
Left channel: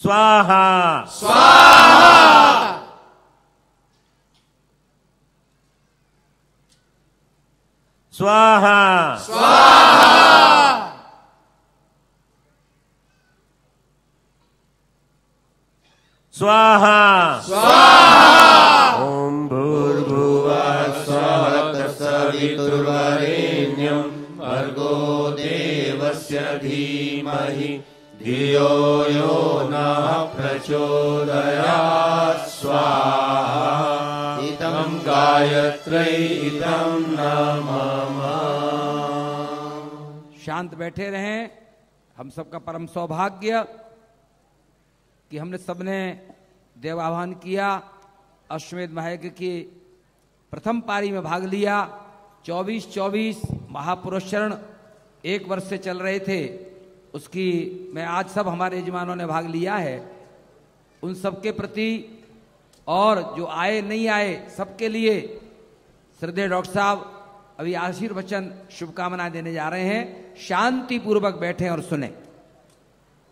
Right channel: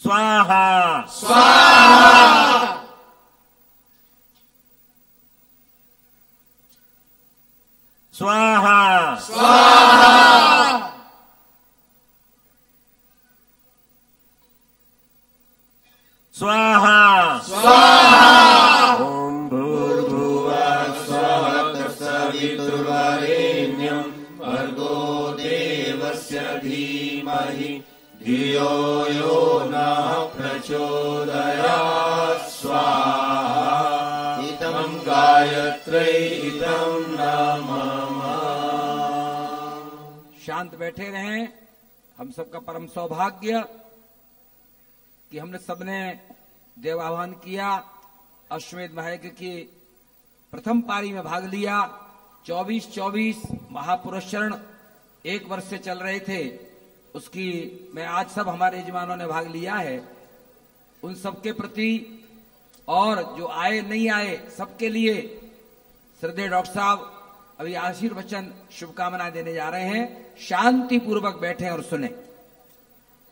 स्वाहा स्वाहा स्वाहा स्वाहा स्वाहा स्वाहा ओम भूर्भुवः स्वः तत्सवितुर्वरेण्यं भर्गो देवस्य धीमहि धियो यो नः प्रचोदयात् स्वाहा इदं गायत्र्यै इदं नमः। शांत बैठे रहें। हम सबका परम सौभाग्य कि हमने सबने देवाह्वान किया, अश्वमेध महायज्ञ की प्रथम पारी में भाग लिया। 24-24 महापुरुष चरण 1 वर्ष से चल रहे थे, उसकी मैं आज सब हमारे यजमानों ने भाग लिया है, उन सबके प्रति और जो आए नहीं आए सबके लिए श्रद्धेय डॉक्टर साहब अभी आशीर्वचन शुभकामनाएं देने जा रहे हैं। शांति पूर्वक बैठे और सुने।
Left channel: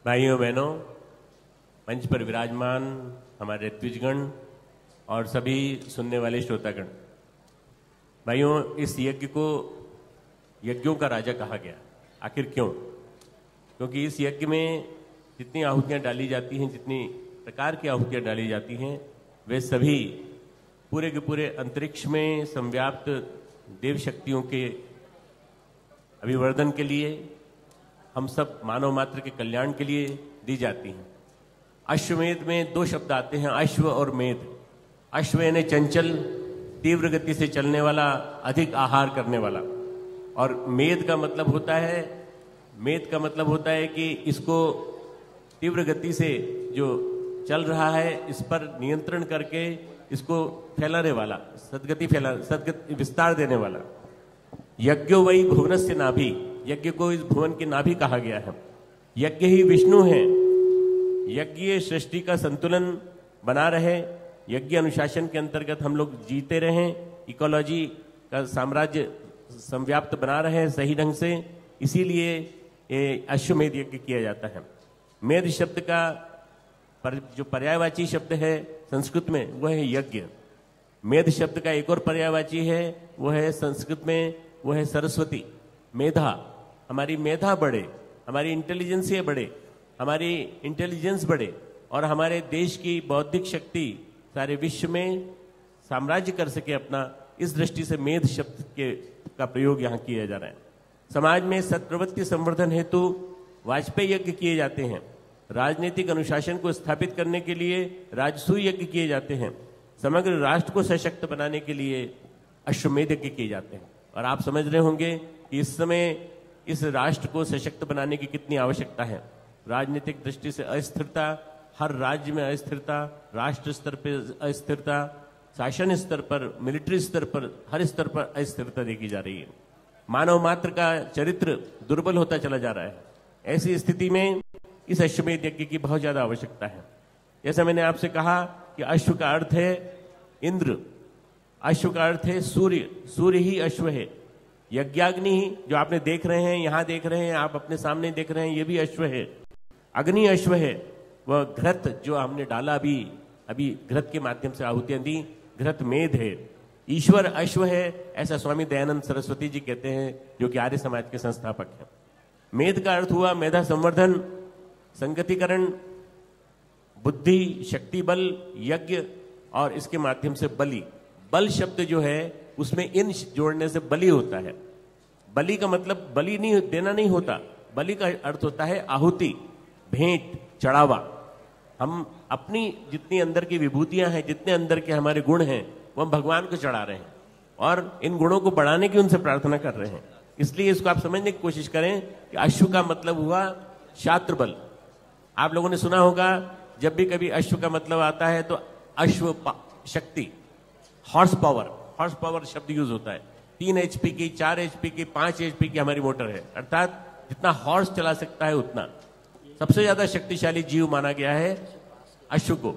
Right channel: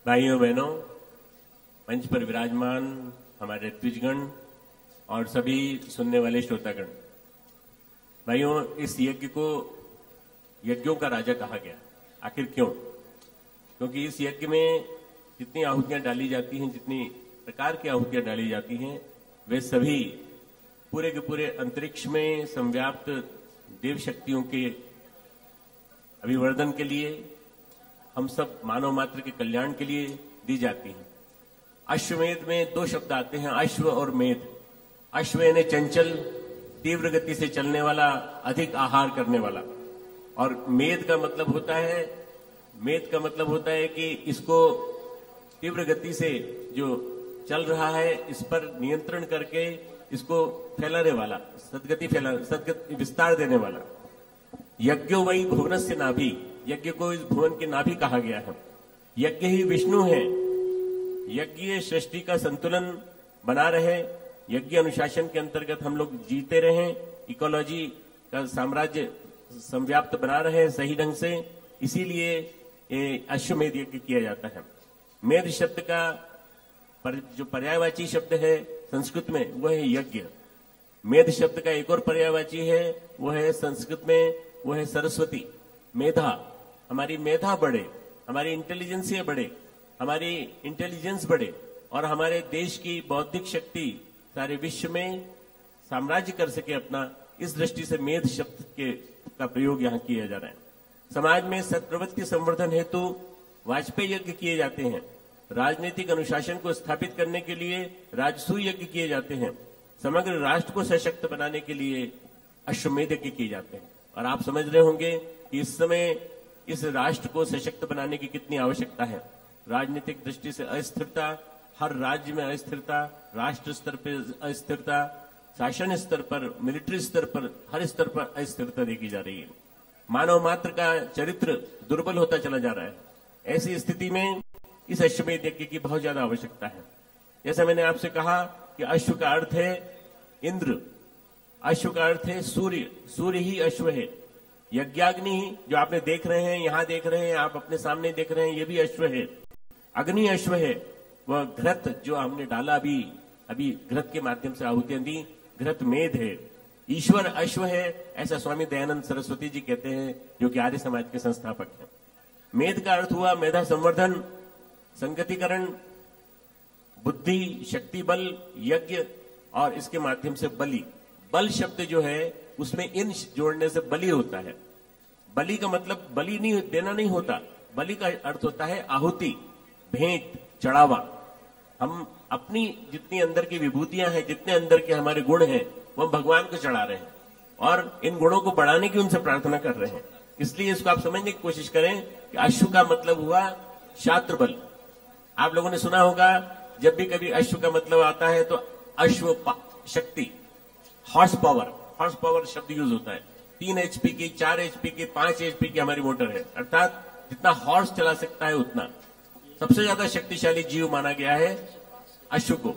भाइयों बहनों, मंच पर विराजमान हमारे द्विजगण और सभी सुनने वाले श्रोतागण, भाइयों, इस यज्ञ को यज्ञों का राजा कहा गया। आखिर क्यों? क्योंकि इस यज्ञ में जितनी आहुतियां डाली जाती हैं, जितनी प्रकार की आहुतियां डाली जाती हैं, वे सभी पूरे के पूरे अंतरिक्ष में संव्याप्त देव शक्तियों के अभिवर्धन के लिए, हम सब मानव मात्र के कल्याण के लिए दी जाती हैं। अश्वमेध में 2 शब्द आते हैं, अश्व और मेध। अश्व यानी चंचल, तीव्र गति से चलने वाला, अधिक आहार करने वाला, और मेध का मतलब होता है कि इसको तीव्र गति से जो चल रहा है इस पर नियंत्रण करके इसको फैलाने वाला, सदगति विस्तार देने वाला। यज्ञो वही भुवनस्य नाभि, यज्ञ को इस भुवन के नाभि कहा गया है। यज्ञ ही विष्णु है। यज्ञ सृष्टि का संतुलन बना रहे, यज्ञ अनुशासन के अंतर्गत हम लोग जीते रहें, इकोलॉजी का साम्राज्य संव्याप्त बना रहे सही ढंग से, इसीलिए ये अश्वमेध यज्ञ किया जाता है। मेध शब्द का जो पर्यायवाची शब्द है संस्कृत में वह है यज्ञ। मेध शब्द का एक और पर्यायवाची है, वह है संस्कृत में, वह है सरस्वती। मेधा, हमारी मेधा बढ़े, हमारी इंटेलिजेंसिया बढ़े, हमारी इंटेलिजेंस बढ़े और हमारे देश की बौद्धिक शक्ति सारे विश्व में साम्राज्य कर सके अपना, इस दृष्टि से मेध शब्द का प्रयोग यहां किया जा रहा है। समाज में सत्प्रवृत्ति संवर्धन हेतु वाजपेयी यज्ञ किए जाते हैं। राजनीतिक अनुशासन को स्थापित करने के लिए राजसूय यज्ञ किए जाते हैं। समग्र राष्ट्र को सशक्त बनाने के लिए अश्वमेध यज्ञ किए जाते हैं। और आप समझ रहे होंगे कि इस समय इस राष्ट्र को सशक्त बनाने की कितनी आवश्यकता है। राजनीतिक दृष्टि से अस्थिरता, हर राज्य में अस्थिरता, राष्ट्र स्तर पर अस्थिरता, शासन स्तर पर, मिलिट्री स्तर पर, हर स्तर पर अस्थिरता देखी जा रही है। मानव मात्र का चरित्र दुर्बल होता चला जा रहा है। ऐसी स्थिति में इस अश्वमेध यज्ञ की बहुत ज्यादा आवश्यकता है। जैसा मैंने आपसे कहा कि अश्व का अर्थ है इंद्र, अश्व का अर्थ है सूर्य, सूर्य ही अश्व है। यज्ञाग्नि ही जो आपने देख रहे हैं, यहां देख रहे हैं, आप अपने सामने देख रहे हैं, ये भी अश्व है। अग्नि अश्व है, वह घृत जो हमने डाला अभी घृत के माध्यम से आहुतियां दी, घृत मेध है। ईश्वर अश्व है, ऐसा स्वामी दयानंद सरस्वती जी कहते हैं, जो कि आर्य समाज के संस्थापक हैं। मेध का अर्थ हुआ मेधा संवर्धन, संगतिकरण, बुद्धि, शक्ति बल, यज्ञ और इसके माध्यम से बलि। बल शब्द जो है उसमें इन जोड़ने से बलि होता है। बलि का मतलब बलि नहीं देना नहीं होता, बलि का अर्थ होता है आहुति, भेंट, चढ़ावा। हम अपनी जितनी अंदर की विभूतियां हैं, जितने अंदर के हमारे गुण हैं, वो भगवान को चढ़ा रहे हैं और इन गुणों को बढ़ाने की उनसे प्रार्थना कर रहे हैं। इसलिए इसको आप समझने की कोशिश करें कि अश्व का मतलब हुआ शास्त्र बल। आप लोगों ने सुना होगा जब भी कभी अश्व का मतलब आता है तो अश्व शक्ति, हॉर्स पावर शब्द यूज होता है। 3 HP की, 4 HP की, 5 HP की हमारी मोटर है, अर्थात जितना हॉर्स चला सकता है उतना। सबसे ज्यादा शक्तिशाली जीव माना गया है अश्व को।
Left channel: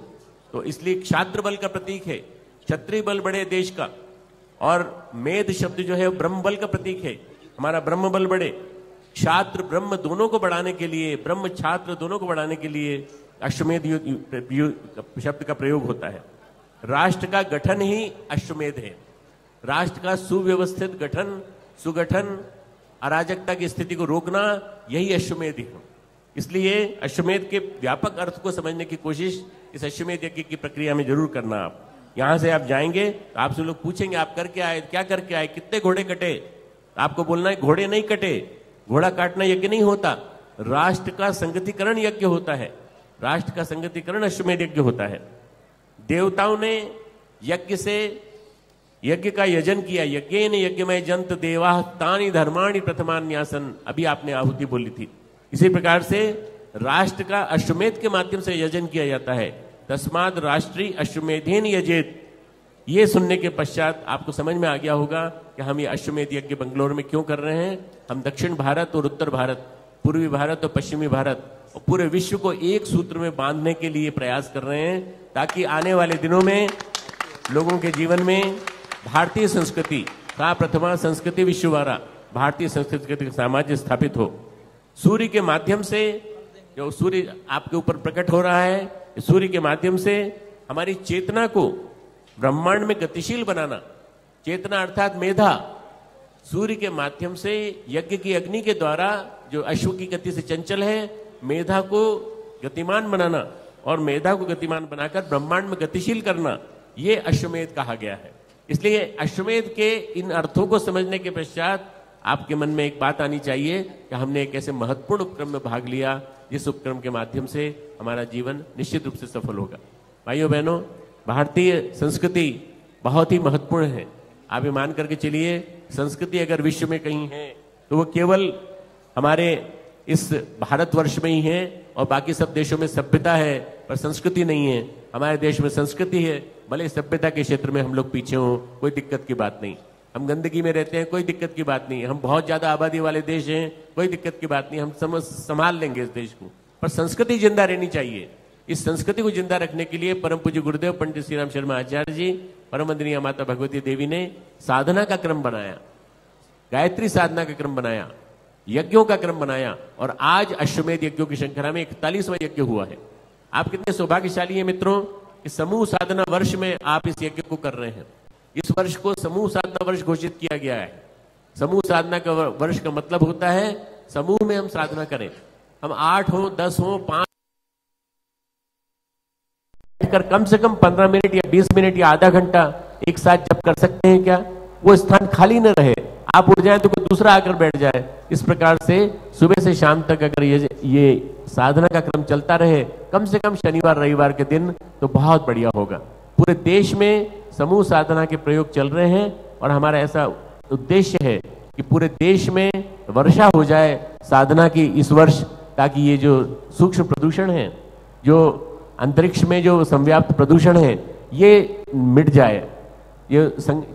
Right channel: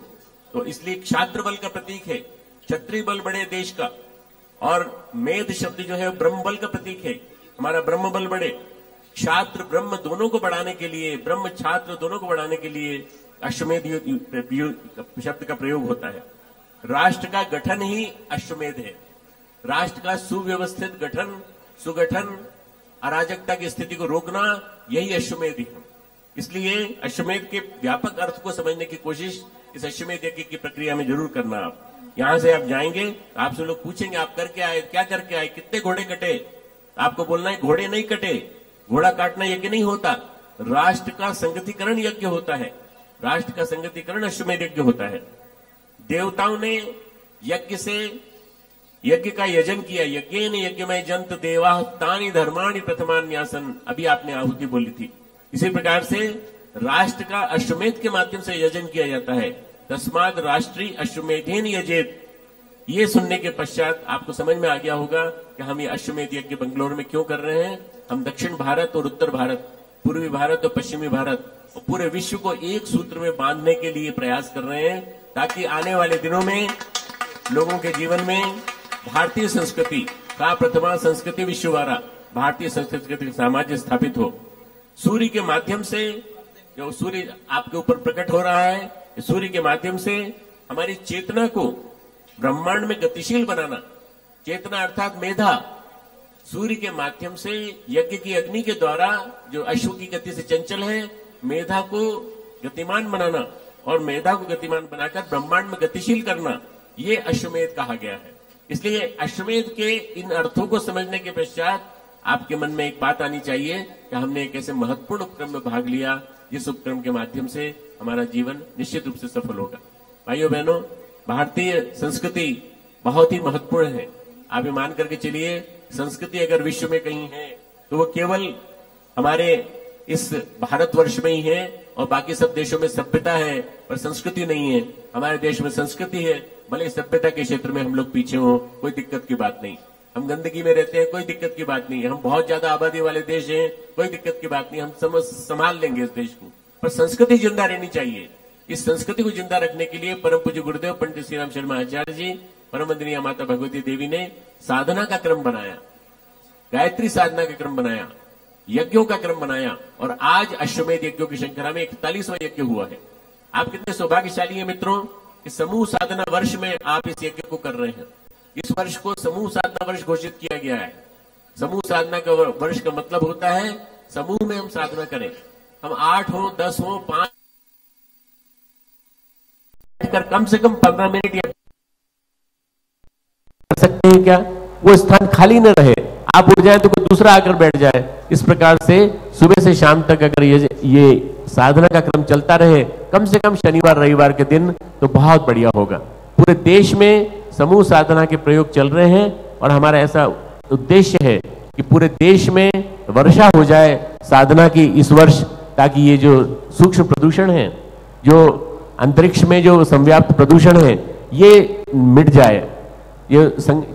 तो इसलिए क्षात्र बल का प्रतीक है, क्षत्रिय बल बड़े देश का। और मेध शब्द जो है ब्रह्म बल का प्रतीक है, हमारा ब्रह्म बल बढ़े। क्षात्र ब्रह्म दोनों को बढ़ाने के लिए, ब्रह्म छात्र दोनों को बढ़ाने के लिए अश्वमेध शब्द का प्रयोग होता है। राष्ट्र का गठन ही अश्वमेध है। राष्ट्र का सुव्यवस्थित गठन, सुगठन, अराजकता की स्थिति को रोकना, यही अश्वमेध है। इसलिए अश्वमेध के व्यापक अर्थ को समझने की कोशिश इस अश्वमेध यज्ञ की प्रक्रिया में जरूर करना। आप यहां से आप जाएंगे तो आपसे लोग पूछेंगे आप करके आए, क्या करके आए, कितने घोड़े कटे। आपको बोलना है घोड़े नहीं कटे, घोड़ा काटना यज्ञ नहीं होता, राष्ट्र का संगतिकरण यज्ञ होता है। राष्ट्र का संगतिकरण अश्वमेध यज्ञ होता है। देवताओं ने यज्ञ से यज्ञ का यजन किया। यज्ञेन यज्ञमय जंत देवा तानि धर्माणि प्रथमान्यासन, अभी आपने आहुति बोली थी। इसी प्रकार से राष्ट्र का अश्वमेध के माध्यम से यजन किया जाता है। तस्माद राष्ट्रीय अश्वमेधेन यजेत। ये सुनने के पश्चात आपको समझ में आ गया होगा कि हम ये अश्वमेध यज्ञ बंगलोर में क्यों कर रहे हैं। हम दक्षिण भारत और उत्तर भारत, पूर्वी भारत और पश्चिमी भारत और पूरे विश्व को एक सूत्र में बांधने के लिए प्रयास कर रहे हैं, ताकि आने वाले दिनों में लोगों के जीवन में भारतीय संस्कृति का प्रथमा संस्कृति विश्ववारा, भारतीय संस्कृति का साम्राज्य स्थापित हो। सूर्य के माध्यम से, जो सूर्य आपके ऊपर प्रकट हो रहा है, सूर्य के माध्यम से हमारी चेतना को ब्रह्मांड में गतिशील बनाना। चेतना अर्थात मेधा, सूर्य के माध्यम से यज्ञ की अग्नि के द्वारा जो अश्व की गति से चंचल है, मेधा को गतिमान बनाना और मेधा को गतिमान बनाकर ब्रह्मांड में गतिशील करना, ये अश्वमेध कहा गया है। इसलिए अश्वमेध के इन अर्थों को समझने के पश्चात आपके मन में एक बात आनी चाहिए कि हमने एक ऐसे महत्वपूर्ण उपक्रम में भाग लिया जिस उपक्रम के माध्यम से हमारा जीवन निश्चित रूप से सफल होगा। भाइयों बहनों, भारतीय संस्कृति बहुत ही महत्वपूर्ण है। आप ये मान करके चलिए, संस्कृति अगर विश्व में कहीं है तो वो केवल हमारे इस भारतवर्ष में ही है, और बाकी सब देशों में सभ्यता है पर संस्कृति नहीं है। हमारे देश में संस्कृति है, भले सभ्यता के क्षेत्र में हम लोग पीछे हो, कोई दिक्कत की बात नहीं। हम गंदगी में रहते हैं, कोई दिक्कत की बात नहीं है। हम बहुत ज्यादा आबादी वाले देश हैं, कोई दिक्कत की बात नहीं, हम संभाल लेंगे इस देश को। पर संस्कृति जिंदा रहनी चाहिए। इस संस्कृति को जिंदा रखने के लिए परम पूज्य गुरुदेव पंडित श्री राम शर्मा आचार्य जी, परम वंदनीय माता भगवती देवी ने साधना का क्रम बनाया, गायत्री साधना का क्रम बनाया, यज्ञों का क्रम बनाया, और आज अश्वमेध यज्ञों की श्रृंखला में 41वां यज्ञ हुआ है। आप कितने सौभाग्यशाली हैं मित्रों, इस समूह साधना वर्ष में आप इस यज्ञ को कर रहे हैं। इस वर्ष को समूह साधना वर्ष घोषित किया गया है। समूह साधना का वर्ष का मतलब होता है समूह में हम साधना करें। हम 8 हो, 10 हो, 5 कर कम से कम 15 मिनट या 20 मिनट या आधा घंटा एक साथ जब कर सकते हैं क्या, वो स्थान खाली न रहे, आप उठ जाए तो कोई दूसरा आकर बैठ जाए। इस प्रकार से सुबह से शाम तक अगर ये साधना का क्रम चलता रहे, कम से कम शनिवार रविवार के दिन, तो बहुत बढ़िया होगा। पूरे देश में समूह साधना के प्रयोग चल रहे हैं और हमारा ऐसा उद्देश्य है कि पूरे देश में वर्षा हो जाए साधना की इस वर्ष, ताकि ये जो सूक्ष्म प्रदूषण है, जो अंतरिक्ष में जो संव्याप्त प्रदूषण है, ये मिट जाए। ये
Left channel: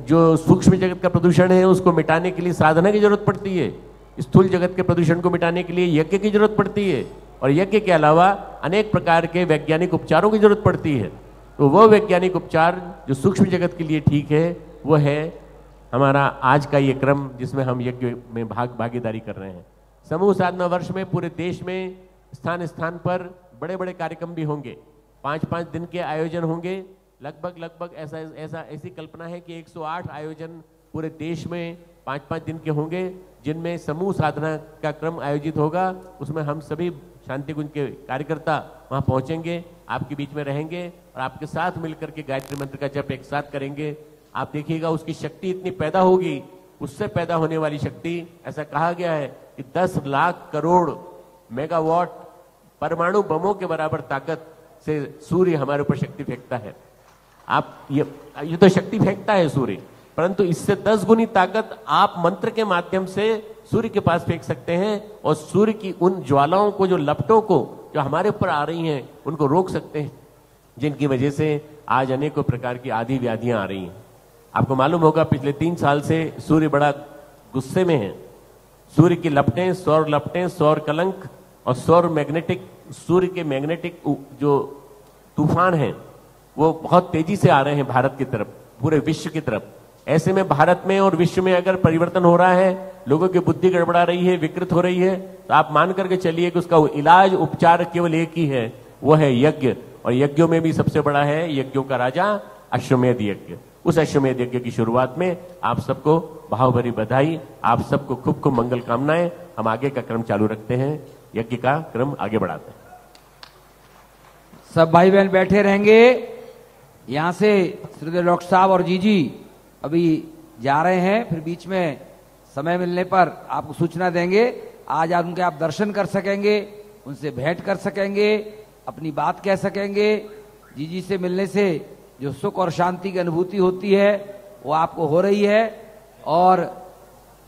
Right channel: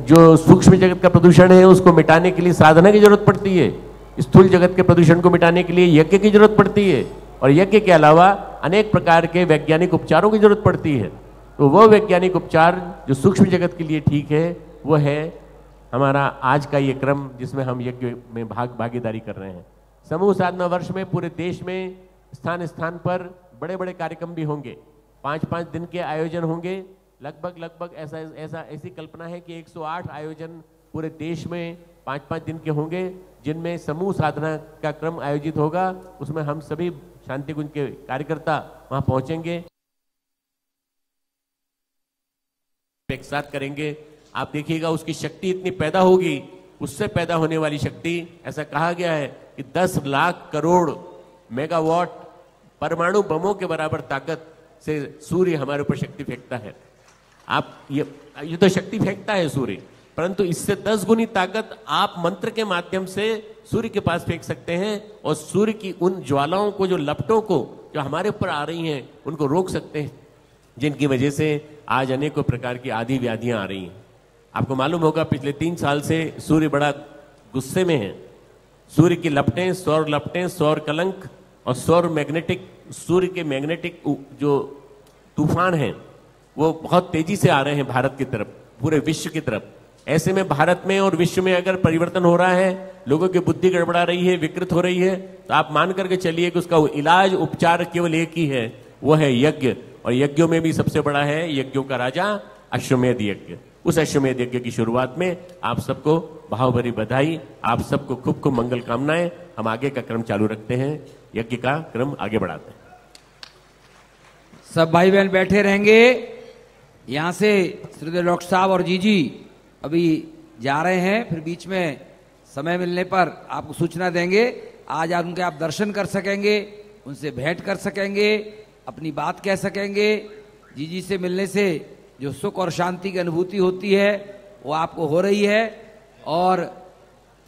जो सूक्ष्म जगत का प्रदूषण है उसको मिटाने के लिए साधना की जरूरत पड़ती है। स्थूल जगत के प्रदूषण को मिटाने के लिए यज्ञ की जरूरत पड़ती है, और यज्ञ के अलावा अनेक प्रकार के वैज्ञानिक उपचारों की जरूरत पड़ती है। तो वो वैज्ञानिक उपचार जो सूक्ष्म जगत के लिए ठीक है, वो है हमारा आज का ये क्रम जिसमें हम यज्ञ में भागीदारी कर रहे हैं। समूह साधना वर्ष में पूरे देश में स्थान स्थान पर बड़े बड़े कार्यक्रम भी होंगे, 5-5 दिन के आयोजन होंगे। लगभग ऐसी कल्पना है कि 108 आयोजन पूरे देश में 5-5 दिन के होंगे, जिनमें समूह साधना का क्रम आयोजित होगा। उसमें हम सभी शांति कुंज के कार्यकर्ता वहां पहुंचेंगे, आपके बीच में रहेंगे और आपके साथ मिलकर के गायत्री मंत्र का जप एक साथ करेंगे। आप देखिएगा उसकी शक्ति इतनी पैदा होगी, उससे पैदा होने वाली शक्ति, ऐसा कहा गया है कि 10 लाख करोड़ मेगावाट परमाणु बमों के बराबर ताकत से सूर्य हमारे ऊपर शक्ति फेंकता है। आप ये तो शक्ति फेंकता है सूर्य, परंतु इससे 10 गुनी ताकत आप मंत्र के माध्यम से सूर्य के पास फेंक सकते हैं और सूर्य की उन ज्वालाओं को, जो लपटों को जो हमारे ऊपर आ रही हैं, उनको रोक सकते हैं, जिनकी वजह से आज अनेकों प्रकार की आदि व्याधियां आ रही हैं। आपको मालूम होगा पिछले 3 साल से सूर्य बड़ा गुस्से में है। सूर्य की लपटें, सौर कलंक और सौर मैग्नेटिक सूर्य के मैग्नेटिक जो तूफान हैं वो बहुत तेजी से आ रहे हैं भारत की तरफ, पूरे विश्व की तरफ। ऐसे में भारत में और विश्व में अगर परिवर्तन हो रहा है, लोगों की बुद्धि गड़बड़ा रही है, विकृत हो रही है, तो आप मान करके चलिए कि उसका इलाज उपचार केवल एक ही है, वो है यज्ञ। और यज्ञों में भी सबसे बड़ा है यज्ञों का राजा अश्वमेध यज्ञ। उस अश्वमेध यज्ञ की शुरुआत में आप सबको भावभरी बधाई, आप सबको खूब खूब मंगल कामनाएं। हम आगे का क्रम चालू रखते हैं, यज्ञ का क्रम आगे बढ़ाते हैं। सब भाई बहन बैठे रहेंगे। यहां से श्रीधर डॉक्टर साहब और जीजी अभी जा रहे हैं, फिर बीच में समय मिलने पर आपको सूचना देंगे। आज आप उनके आप दर्शन कर सकेंगे, उनसे भेंट कर सकेंगे, अपनी बात कह सकेंगे। जीजी से मिलने से जो सुख और शांति की अनुभूति होती है वो आपको हो रही है। और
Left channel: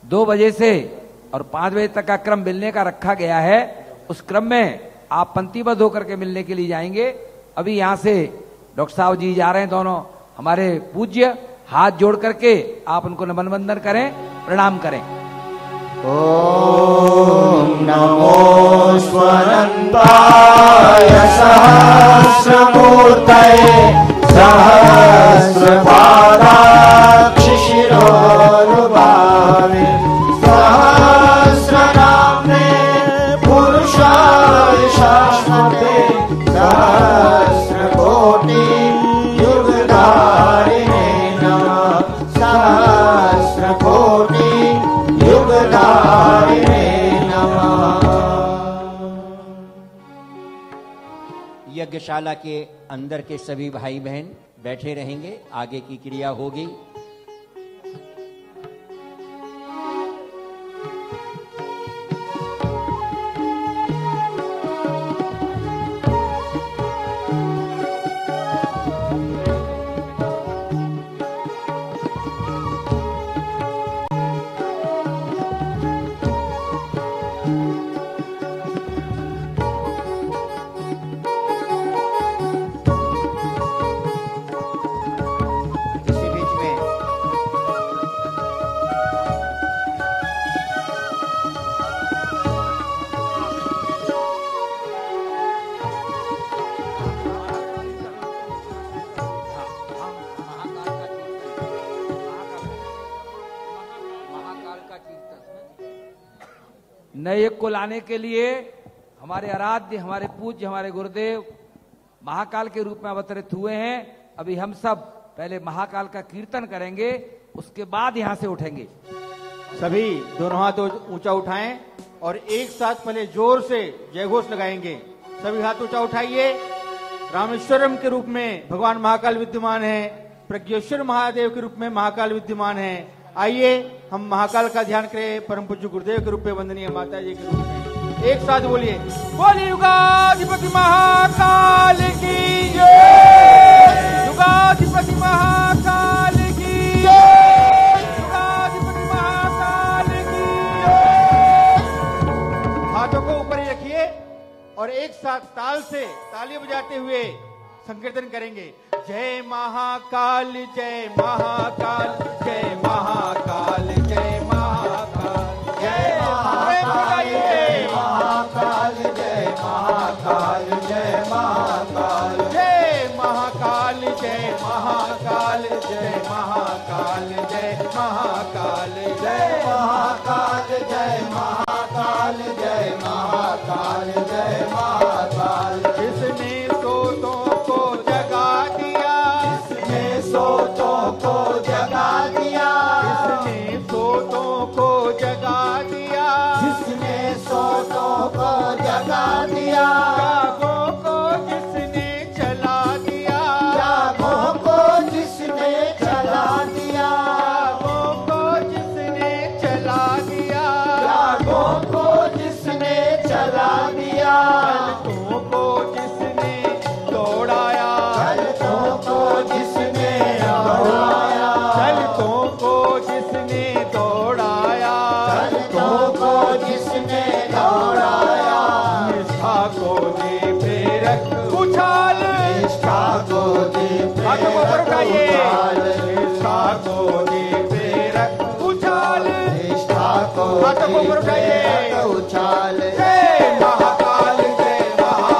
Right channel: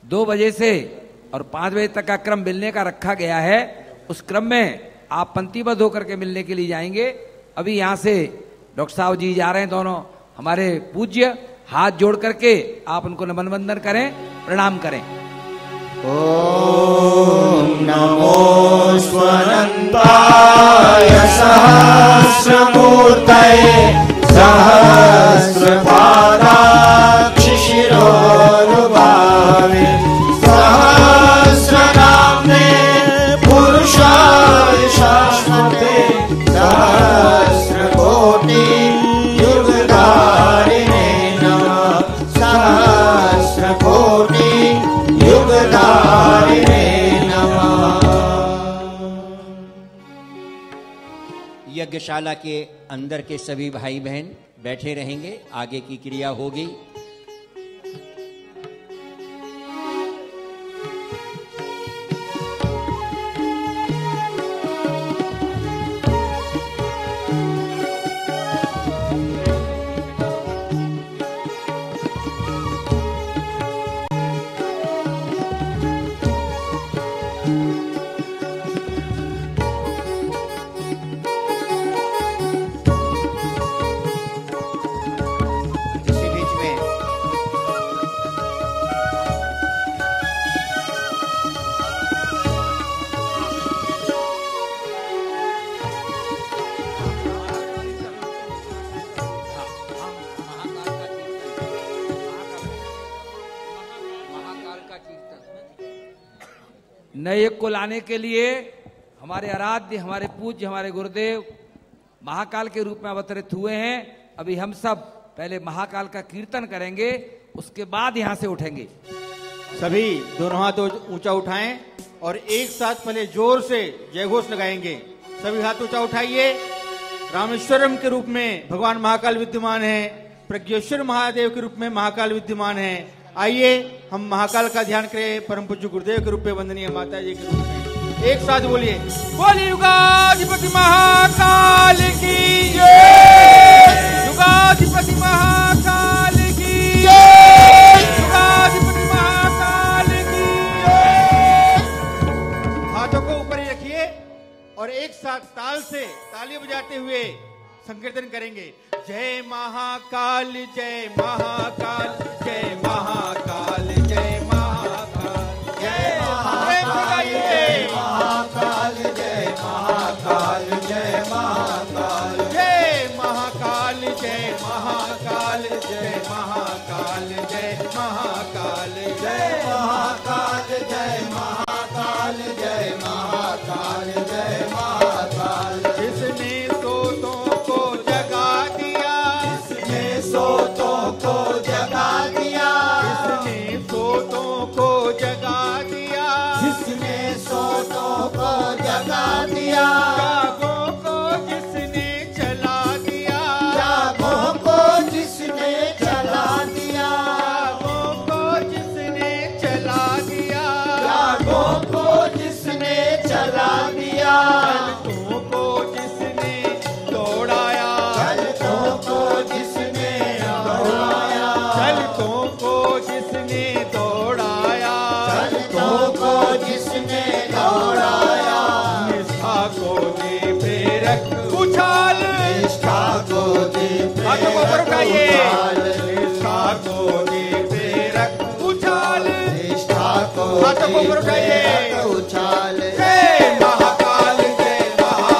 2 बजे से और 5 बजे तक का क्रम मिलने का रखा गया है। उस क्रम में आप पंक्तिबद्ध होकर के मिलने के लिए जाएंगे। अभी यहां से डॉक्टर साहब जी जा रहे हैं, दोनों हमारे पूज्य, हाथ जोड़ करके आप उनको नमन वंदन करें, प्रणाम करें। ओम नमो स्वनंताय सहस्रमूर्तये सहस्रपादाक्ष शिरोनुभावे सहस्रनाम्ने पुरुषाय शाश्वते सहस्रकोटि युगधारिणे नमः सहस्रकोटि युगधारिणे नमः। यज्ञशाला के अंदर के सभी भाई बहन बैठे रहेंगे, आगे की क्रिया होगी। नए युग को लाने के लिए हमारे आराध्य, हमारे पूज्य, हमारे गुरुदेव महाकाल के रूप में अवतरित हुए हैं। अभी हम सब पहले महाकाल का कीर्तन करेंगे, उसके बाद यहां से उठेंगे। सभी दोनों हाथ ऊंचा उठाएं और एक साथ पहले जोर से जयघोष लगाएंगे। सभी हाथ ऊंचा उठाइए। रामेश्वरम के रूप में भगवान महाकाल विद्यमान है, प्रज्ञेश्वर महादेव के रूप में महाकाल विद्यमान है। आइए हम महाकाल का ध्यान करें, परम पूज्य गुरुदेव के रूप में वंदनीय माता जी के रूप में। एक साथ बोलिए, बोलिए युगाधिपति महाकाल की जय, युगाधिपति महाकाल की जय, युगाधिपति महाकाल की जय। हाथों को ऊपर ही रखिए और एक साथ ताल से ताली बजाते हुए संकीर्तन करेंगे। जय महाकाल, जय महाकाल, जय महाकाल, जय महाकाल, जय महाकाल, जय महाकाल, जय महाकाल, जय महाकाल, जय महाकाल, जय महाकाल, जय महाकाल, जय महाकाल, जय महाकाल, जय महाकाल, जय महाकाल, जय महाकाल। जिसने सोतों को जगा दिया, जिसने सोतों को जगा दिया, जिसने सोतों को जगा दिया, जिसने सोतों को जगा दिया, जागों को जिसने चला दिया, जागों को जिसने चला दिया, जागों को जिसने चला दिया, जागों को जिसने चला दिया, पलकों को जिसने दौड़ाया, पलकों को जिसने दौड़ाया, पलकों को जिसने दौड़ाया, पलकों को जिसने दौड़ाया, निष्ठा को दे प्रेरक उछाल, निष्ठा को दे प्रेरक उछाल, निष्ठा को दे प्रेरक उछाल, निष्ठा को दे प्रेरक उछाल। जय महाकाल, जय महाकाल।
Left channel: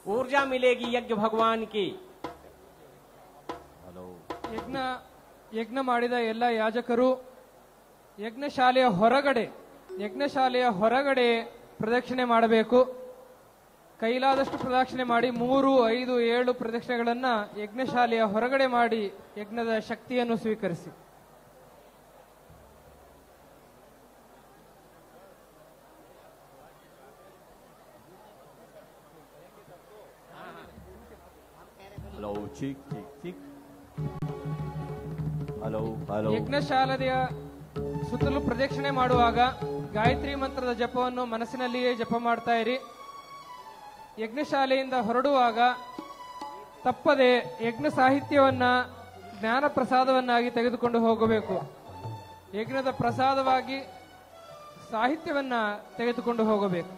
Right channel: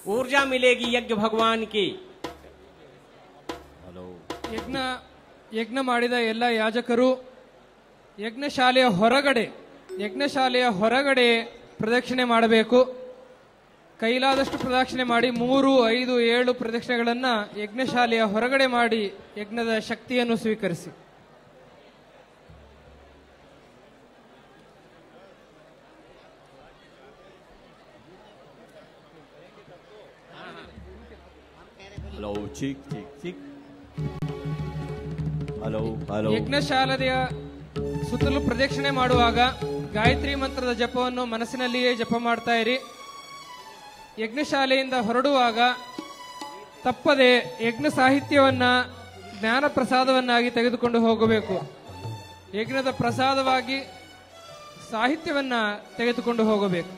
ऊर्जा मिलेगी यज्ञ भगवान की। ಯಜ್ಞ ಮಾಡಿದ ಎಲ್ಲ ಯಾಜಕರು ಯಜ್ಞಶಾಲೆಯ ಹೊರಗಡೆ ಪ್ರದಕ್ಷಿಣೆ ಮಾಡಬೇಕು. ಕೈಲಾದಷ್ಟು ಪ್ರದಕ್ಷಿಣೆ ಮಾಡಿ 3, 5, 7 ಪ್ರದಕ್ಷಿಣೆಗಳನ್ನ ಯಜ್ಞಶಾಲೆಯ ಹೊರಗಡೆ ಮಾಡಿ ಯಜ್ಞದ ಶಕ್ತಿಯನ್ನು ಸ್ವೀಕರಿಸಿ. Hello check check check hello hello. ಯಜ್ಞಶಾಲೆಯ ಸುತ್ತಲೂ ಪ್ರದಕ್ಷಿಣೆ ಮಾಡುವಾಗ ಗಾಯತ್ರಿ ಮಂತ್ರದ ಜಪವನ್ನು ಮನಸ್ಸಿನಲ್ಲಿಯೇ ಜಪ ಮಾಡ್ತಾ ಇರಿ. ಯಜ್ಞಶಾಲೆಯಿಂದ ಹೊರಡುವಾಗ ತಪ್ಪದೆ ಯಜ್ಞ ಸಾಹಿತ್ಯವನ್ನ ಜ್ಞಾನ ಪ್ರಸಾದವನ್ನಾಗಿ ತೆಗೆದುಕೊಂಡು ಹೋಗಬೇಕು. ಯಜ್ಞದ ಪ್ರಸಾದವಾಗಿ ಸಾಹಿತ್ಯವನ್ನ ತೆಗೆದುಕೊಂಡು ಹೋಗಬೇಕು.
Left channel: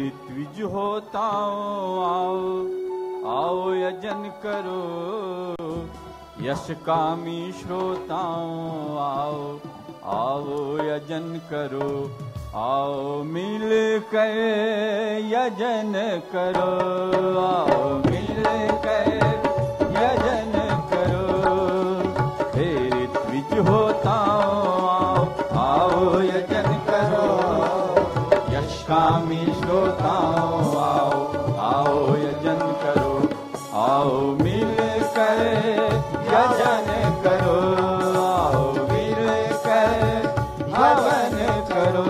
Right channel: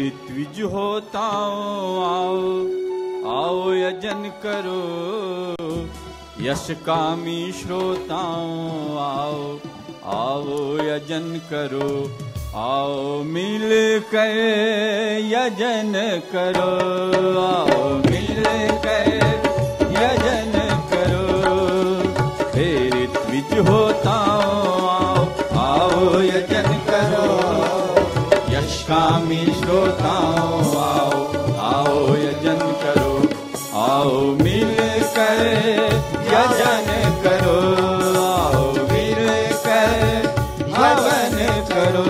ऋत्विज होता आओ आओ यजन करो, यश कामी श्रोताओं आओ आओ यजन करो, आओ मिल कर यजन करो, आओ मिल कर यजन करो। हे ऋत्विज होता आओ आओ यजन करो, यश कामी श्रोताओं आओ आओ यजन करो, आओ मिल कर यजन करो, आओ मिल कर हवन करो।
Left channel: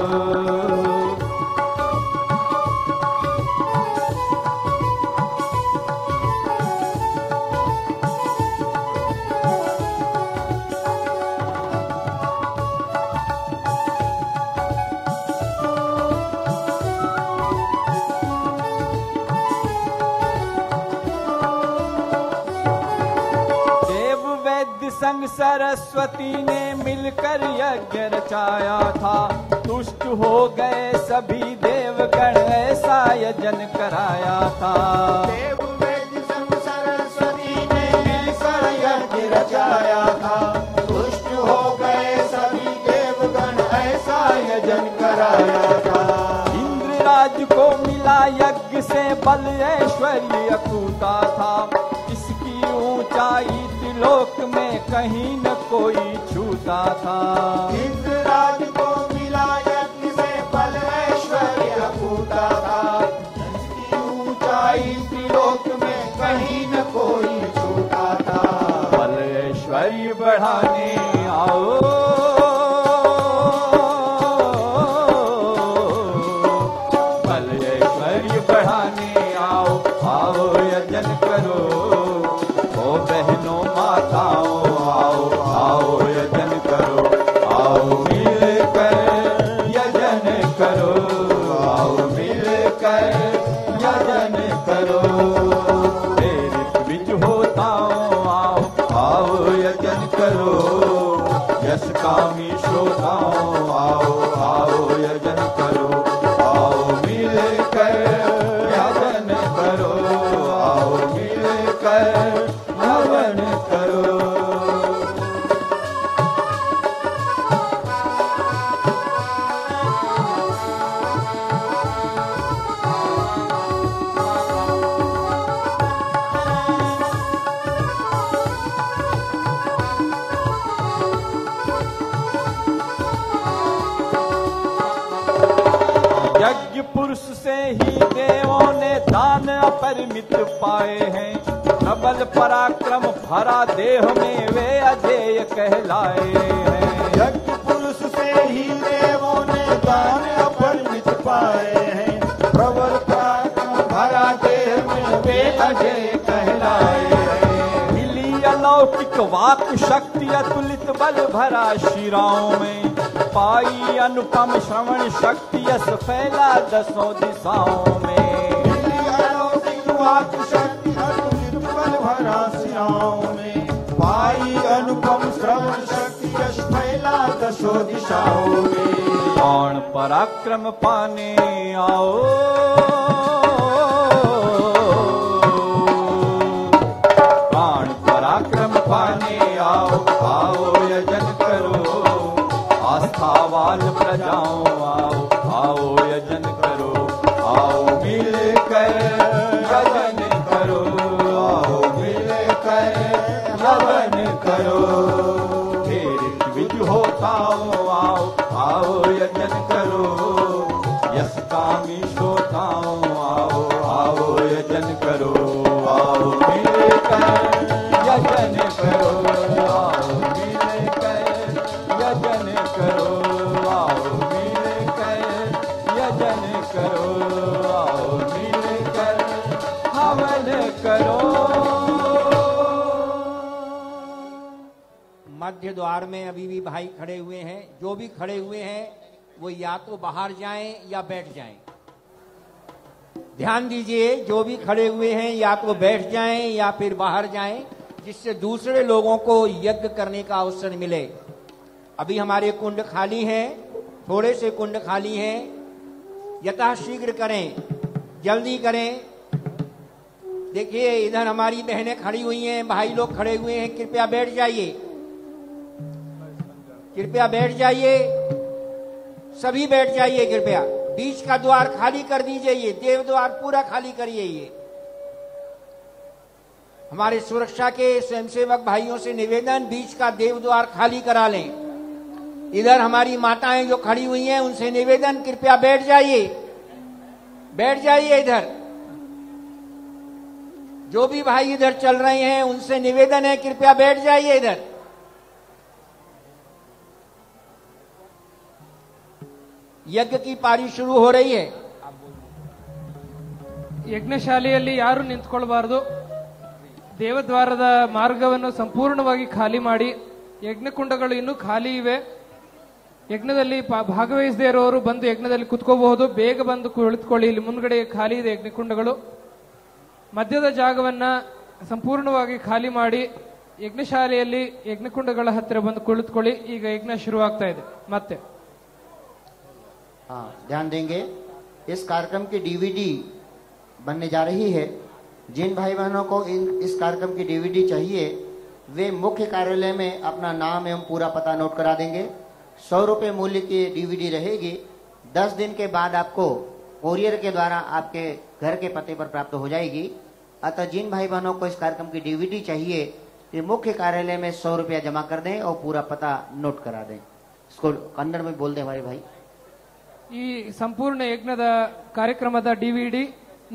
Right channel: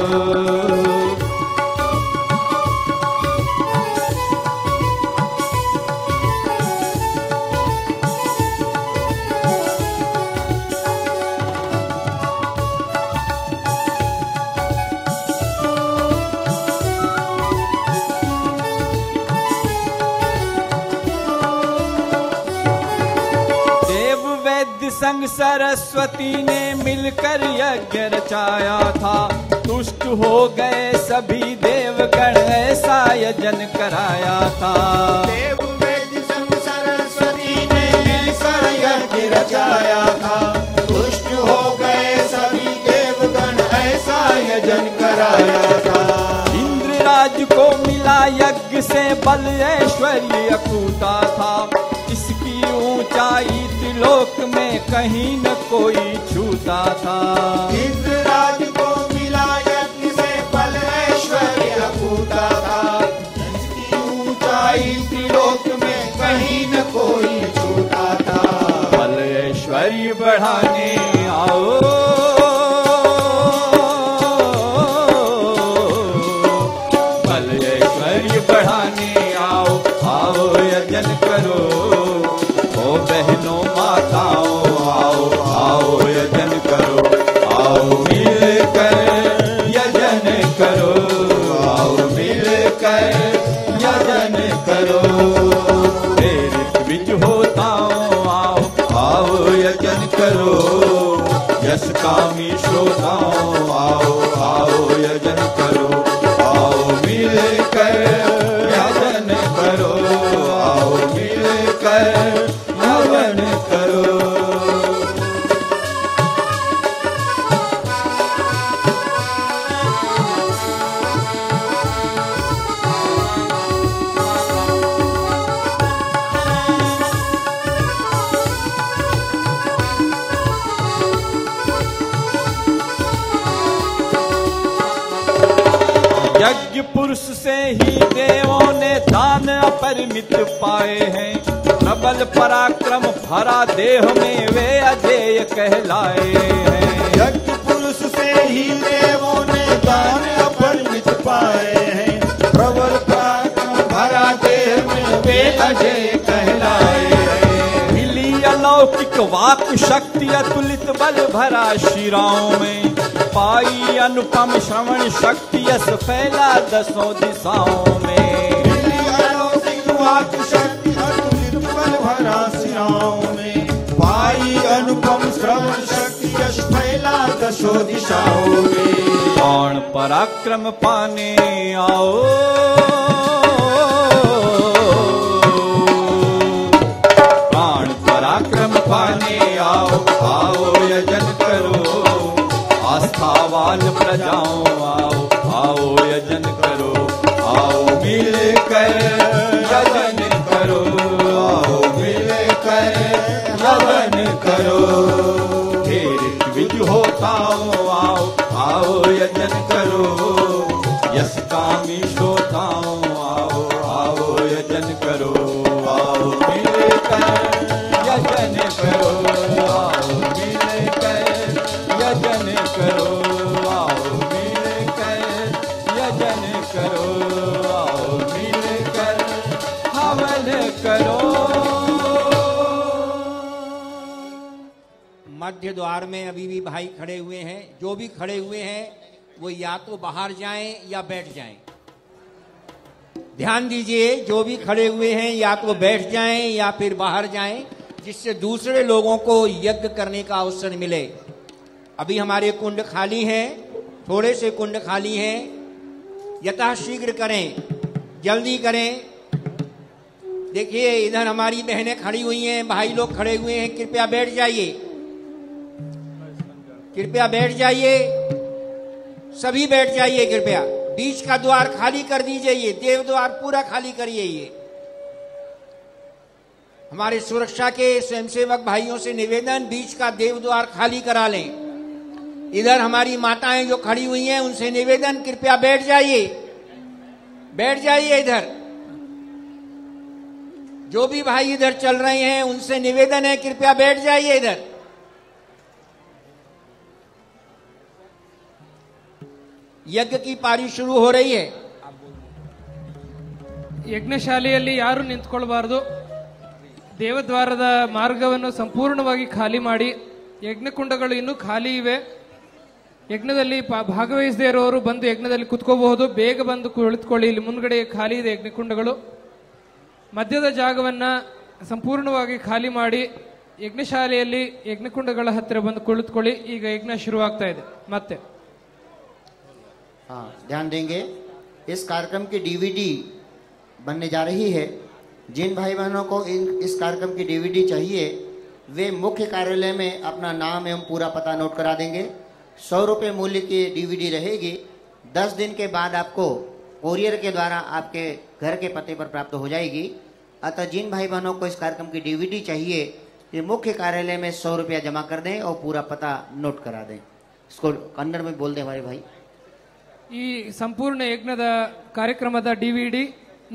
संग सरस्वती ने मिलकर यज्ञ रचाया था, तुष्ट हो गए सभी देवगण ऐसा यजन कराया था। देव वेद संग सरस्वती ने मिलकर यज्ञ रचाया था, तुष्ट हो गए सभी देवगण ऐसा यजन कराया था। इंद्रराज को मिला यज्ञ से बल ऐश्वर्य अकूता था, इसकी ऊंचाई त्रिलोक में कहीं न कोई छूता था। इंद्रराज को मिला यज्ञ से बल ऐश्वर्य अकूता था, इसकी ऊंचाई त्रिलोक में कहीं न कोई छूता था। बल ऐश्वर्य बढ़ाने आओ बल ऐश्वर्य बढ़ाने आओ आओ यजन करो, ओ बहनों माताओं आओ आओ यजन करो, आओ मिल कर यजन करो, आओ मिल कर यजन करो। हे ऋत्विज होताओं आओ आओ यजन करो, यश कामी श्रोताओं आओ आओ यजन करो, आओ मिल कर यजन करो, आओ मिल कर हवन करो। यज्ञ पुरुष से ही देवों ने दान अपरिमित पाए हैं, प्रबल पराक्रम भरा देह में वे अजेय कहलाए हैं। यज्ञ पुरुष से ही देवों ने दान अपरिमित पाए हैं, प्रबल पराक्रम भरा देह में वे अजय कहलाए हैं। मिली अलौकिक वाक शक्ति अतुलित बल भरा शिराओं में, पाई अनुपम श्रवण शक्ति यश फैला दसों दिशाओं में। मिली अलौकिक वाक शक्ति अतुलित बल भरा शिराओं में, पाई अनुपम श्रवण शक्ति यश फैला दसों दिशाओं में। कौन पराक्रम पाने आओ प्राण पराक्रम पाने आओ आओ सुखावान प्रजाओं आओ आओ यजन करो, आओ मिलकर यजन करो, आओ मिलकर यजन करो। हे ऋत्विज होताओं आओ आओ यजन करो, यश कामी श्रोताओं आओ आओ यजन करो, आओ मिलकर यजन करो, आओ मिलकर यजन करो, आओ मिलकर यजन करो, आओ मिलकर हवन करो। मध्य द्वार में अभी भी भाई खड़े हुए हैं। जो भी खड़े हुए हैं वो या तो बाहर जाएं या बैठ जाएं। ध्यान दीजिए, जो भी खड़े हुए हैं या तो बैठ जाएं या फिर बाहर जाएं, जिससे दूसरे लोगों को यज्ञ करने का अवसर मिले। अभी हमारे कुंड खाली हैं, थोड़े से कुंड खाली हैं, यथाशीघ्र करें, जल्दी करें। देखिए इधर हमारी बहनें खड़ी हुई हैं, भाई लोग खड़े हुए हैं, कृपया बैठ जाइए, कृपया बैठ जाइए, सभी बैठ जाइए कृपया। बीच का द्वार खाली कर दीजिए, ये देव द्वार पूरा खाली करिए। ये हमारे सुरक्षा के स्वयंसेवक भाइयों से निवेदन, बीच का देव द्वार खाली करा लें। इधर हमारी माताएं जो खड़ी हुई हैं उनसे निवेदन, कृपया बैठ जाइए, बैठ जाइए। इधर जो भी भाई इधर चल रहे हैं उनसे निवेदन है, कृपया बैठ जाइए इधर। यज्ञ की पारी शुरू हो रही है। ಯಜ್ಞಶಾಲೆಯಲ್ಲಿ ಯಾರು ನಿಂತ್ಕೊಳ್ಬಾರದು. ದೇವದ್ವಾರದ ಮಾರ್ಗವನ್ನು ಸಂಪೂರ್ಣವಾಗಿ ಖಾಲಿ ಮಾಡಿ. ಯಜ್ಞಕುಂಡಗಳು ಇನ್ನೂ ಖಾಲಿ ಇವೆ. ಯಜ್ಞದಲ್ಲಿ ಭಾಗವಹಿಸದೇ ಇರೋರು ಬಂದು ಯಜ್ಞದಲ್ಲಿ ಕುತ್ಕೋಬಹುದು. ಬೇಗ ಬಂದು ಕುಳಿತುಕೊಳ್ಳಿ, ಇಲ್ಲಿ ಮುಂದ್ಗಡೆ ಖಾಲಿ ಇದೆ ಯಜ್ಞಕುಂಡಗಳು. ಮಧ್ಯದ ಜಾಗವನ್ನ ಸಂಪೂರ್ಣವಾಗಿ ಖಾಲಿ ಮಾಡಿ ಯಜ್ಞಶಾಲೆಯಲ್ಲಿ ಯಜ್ಞಕುಂಡಗಳ ಹತ್ತಿರ ಬಂದು ಕುಳಿತುಕೊಳ್ಳಿ. ಈಗ ಯಜ್ಞ ಶುರುವಾಗ್ತಾ ಇದೆ ಮತ್ತೆ. हाँ, ध्यान देंगे, इस कार्यक्रम की डीवीडी बनने जा रही है। जिन भाई बहनों को इस कार्यक्रम की डीवीडी चाहिए वे मुख्य कार्यालय में अपना नाम एवं पूरा पता नोट करा देंगे। 100 रुपये मूल्य की डीवीडी रहेगी। 10 दिन के बाद आपको कोरियर के द्वारा आपके घर के पते पर प्राप्त हो जाएगी। अतः जिन भाई बहनों को इस कार्यक्रम की डीवीडी चाहिए ये मुख्य कार्यालय में 100 रुपया जमा कर दें और पूरा पता नोट करा दें। इसको कन्नड़ में बोल दें हमारे भाई। ಈ ಸಂಪೂರ್ಣ ಯಜ್ಞದ ಕಾರ್ಯಕ್ರಮದ ಡಿವಿಡಿ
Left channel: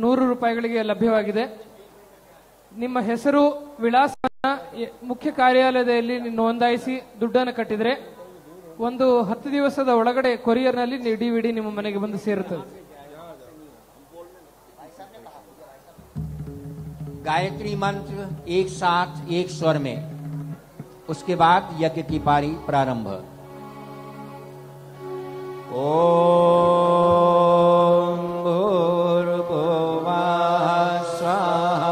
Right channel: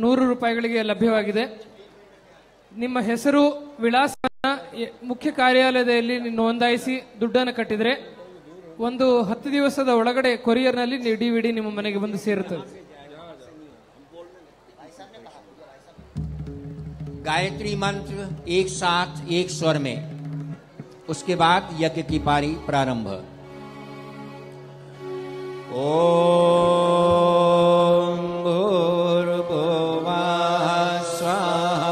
100 ರೂಪಾಯಿಗಳಿಗೆ ಲಭ್ಯವಾಗಿದೆ. ನಿಮ್ಮ ಹೆಸರು ವಿಳಾಸವನ್ನ ಮುಖ್ಯ ಕಾರ್ಯಾಲಯದಲ್ಲಿ ನೋಂದಾಯಿಸಿ ದುಡ್ಡನ್ನು ಕಟ್ಟಿದ್ರೆ ಒಂದು 10 ದಿವಸದ ಒಳಗಡೆ ಕೊರಿಯರ್ನಲ್ಲಿ ಡಿವಿಡಿ ನಿಮ್ಮ ಮನೆಗೆ ಬಂದು ಸೇರುತ್ತದೆ. गायत्री मंत्र एक साथ एक स्वर में, उसके बाद यज्ञ की पारी प्रारंभ। ओम भूर्भुवः स्वः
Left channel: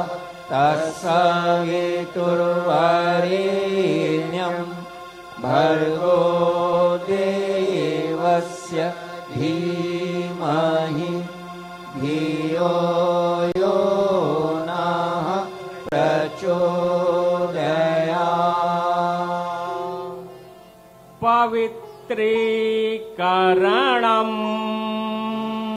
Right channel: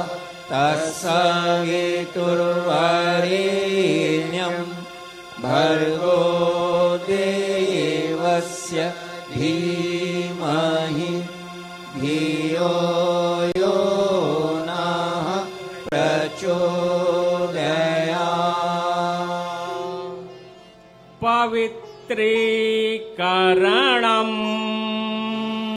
तत्सवितुर्वरेण्यं भर्गो देवस्य धीमहि धियो यो नः प्रचोदयात्। पवित्रीकरण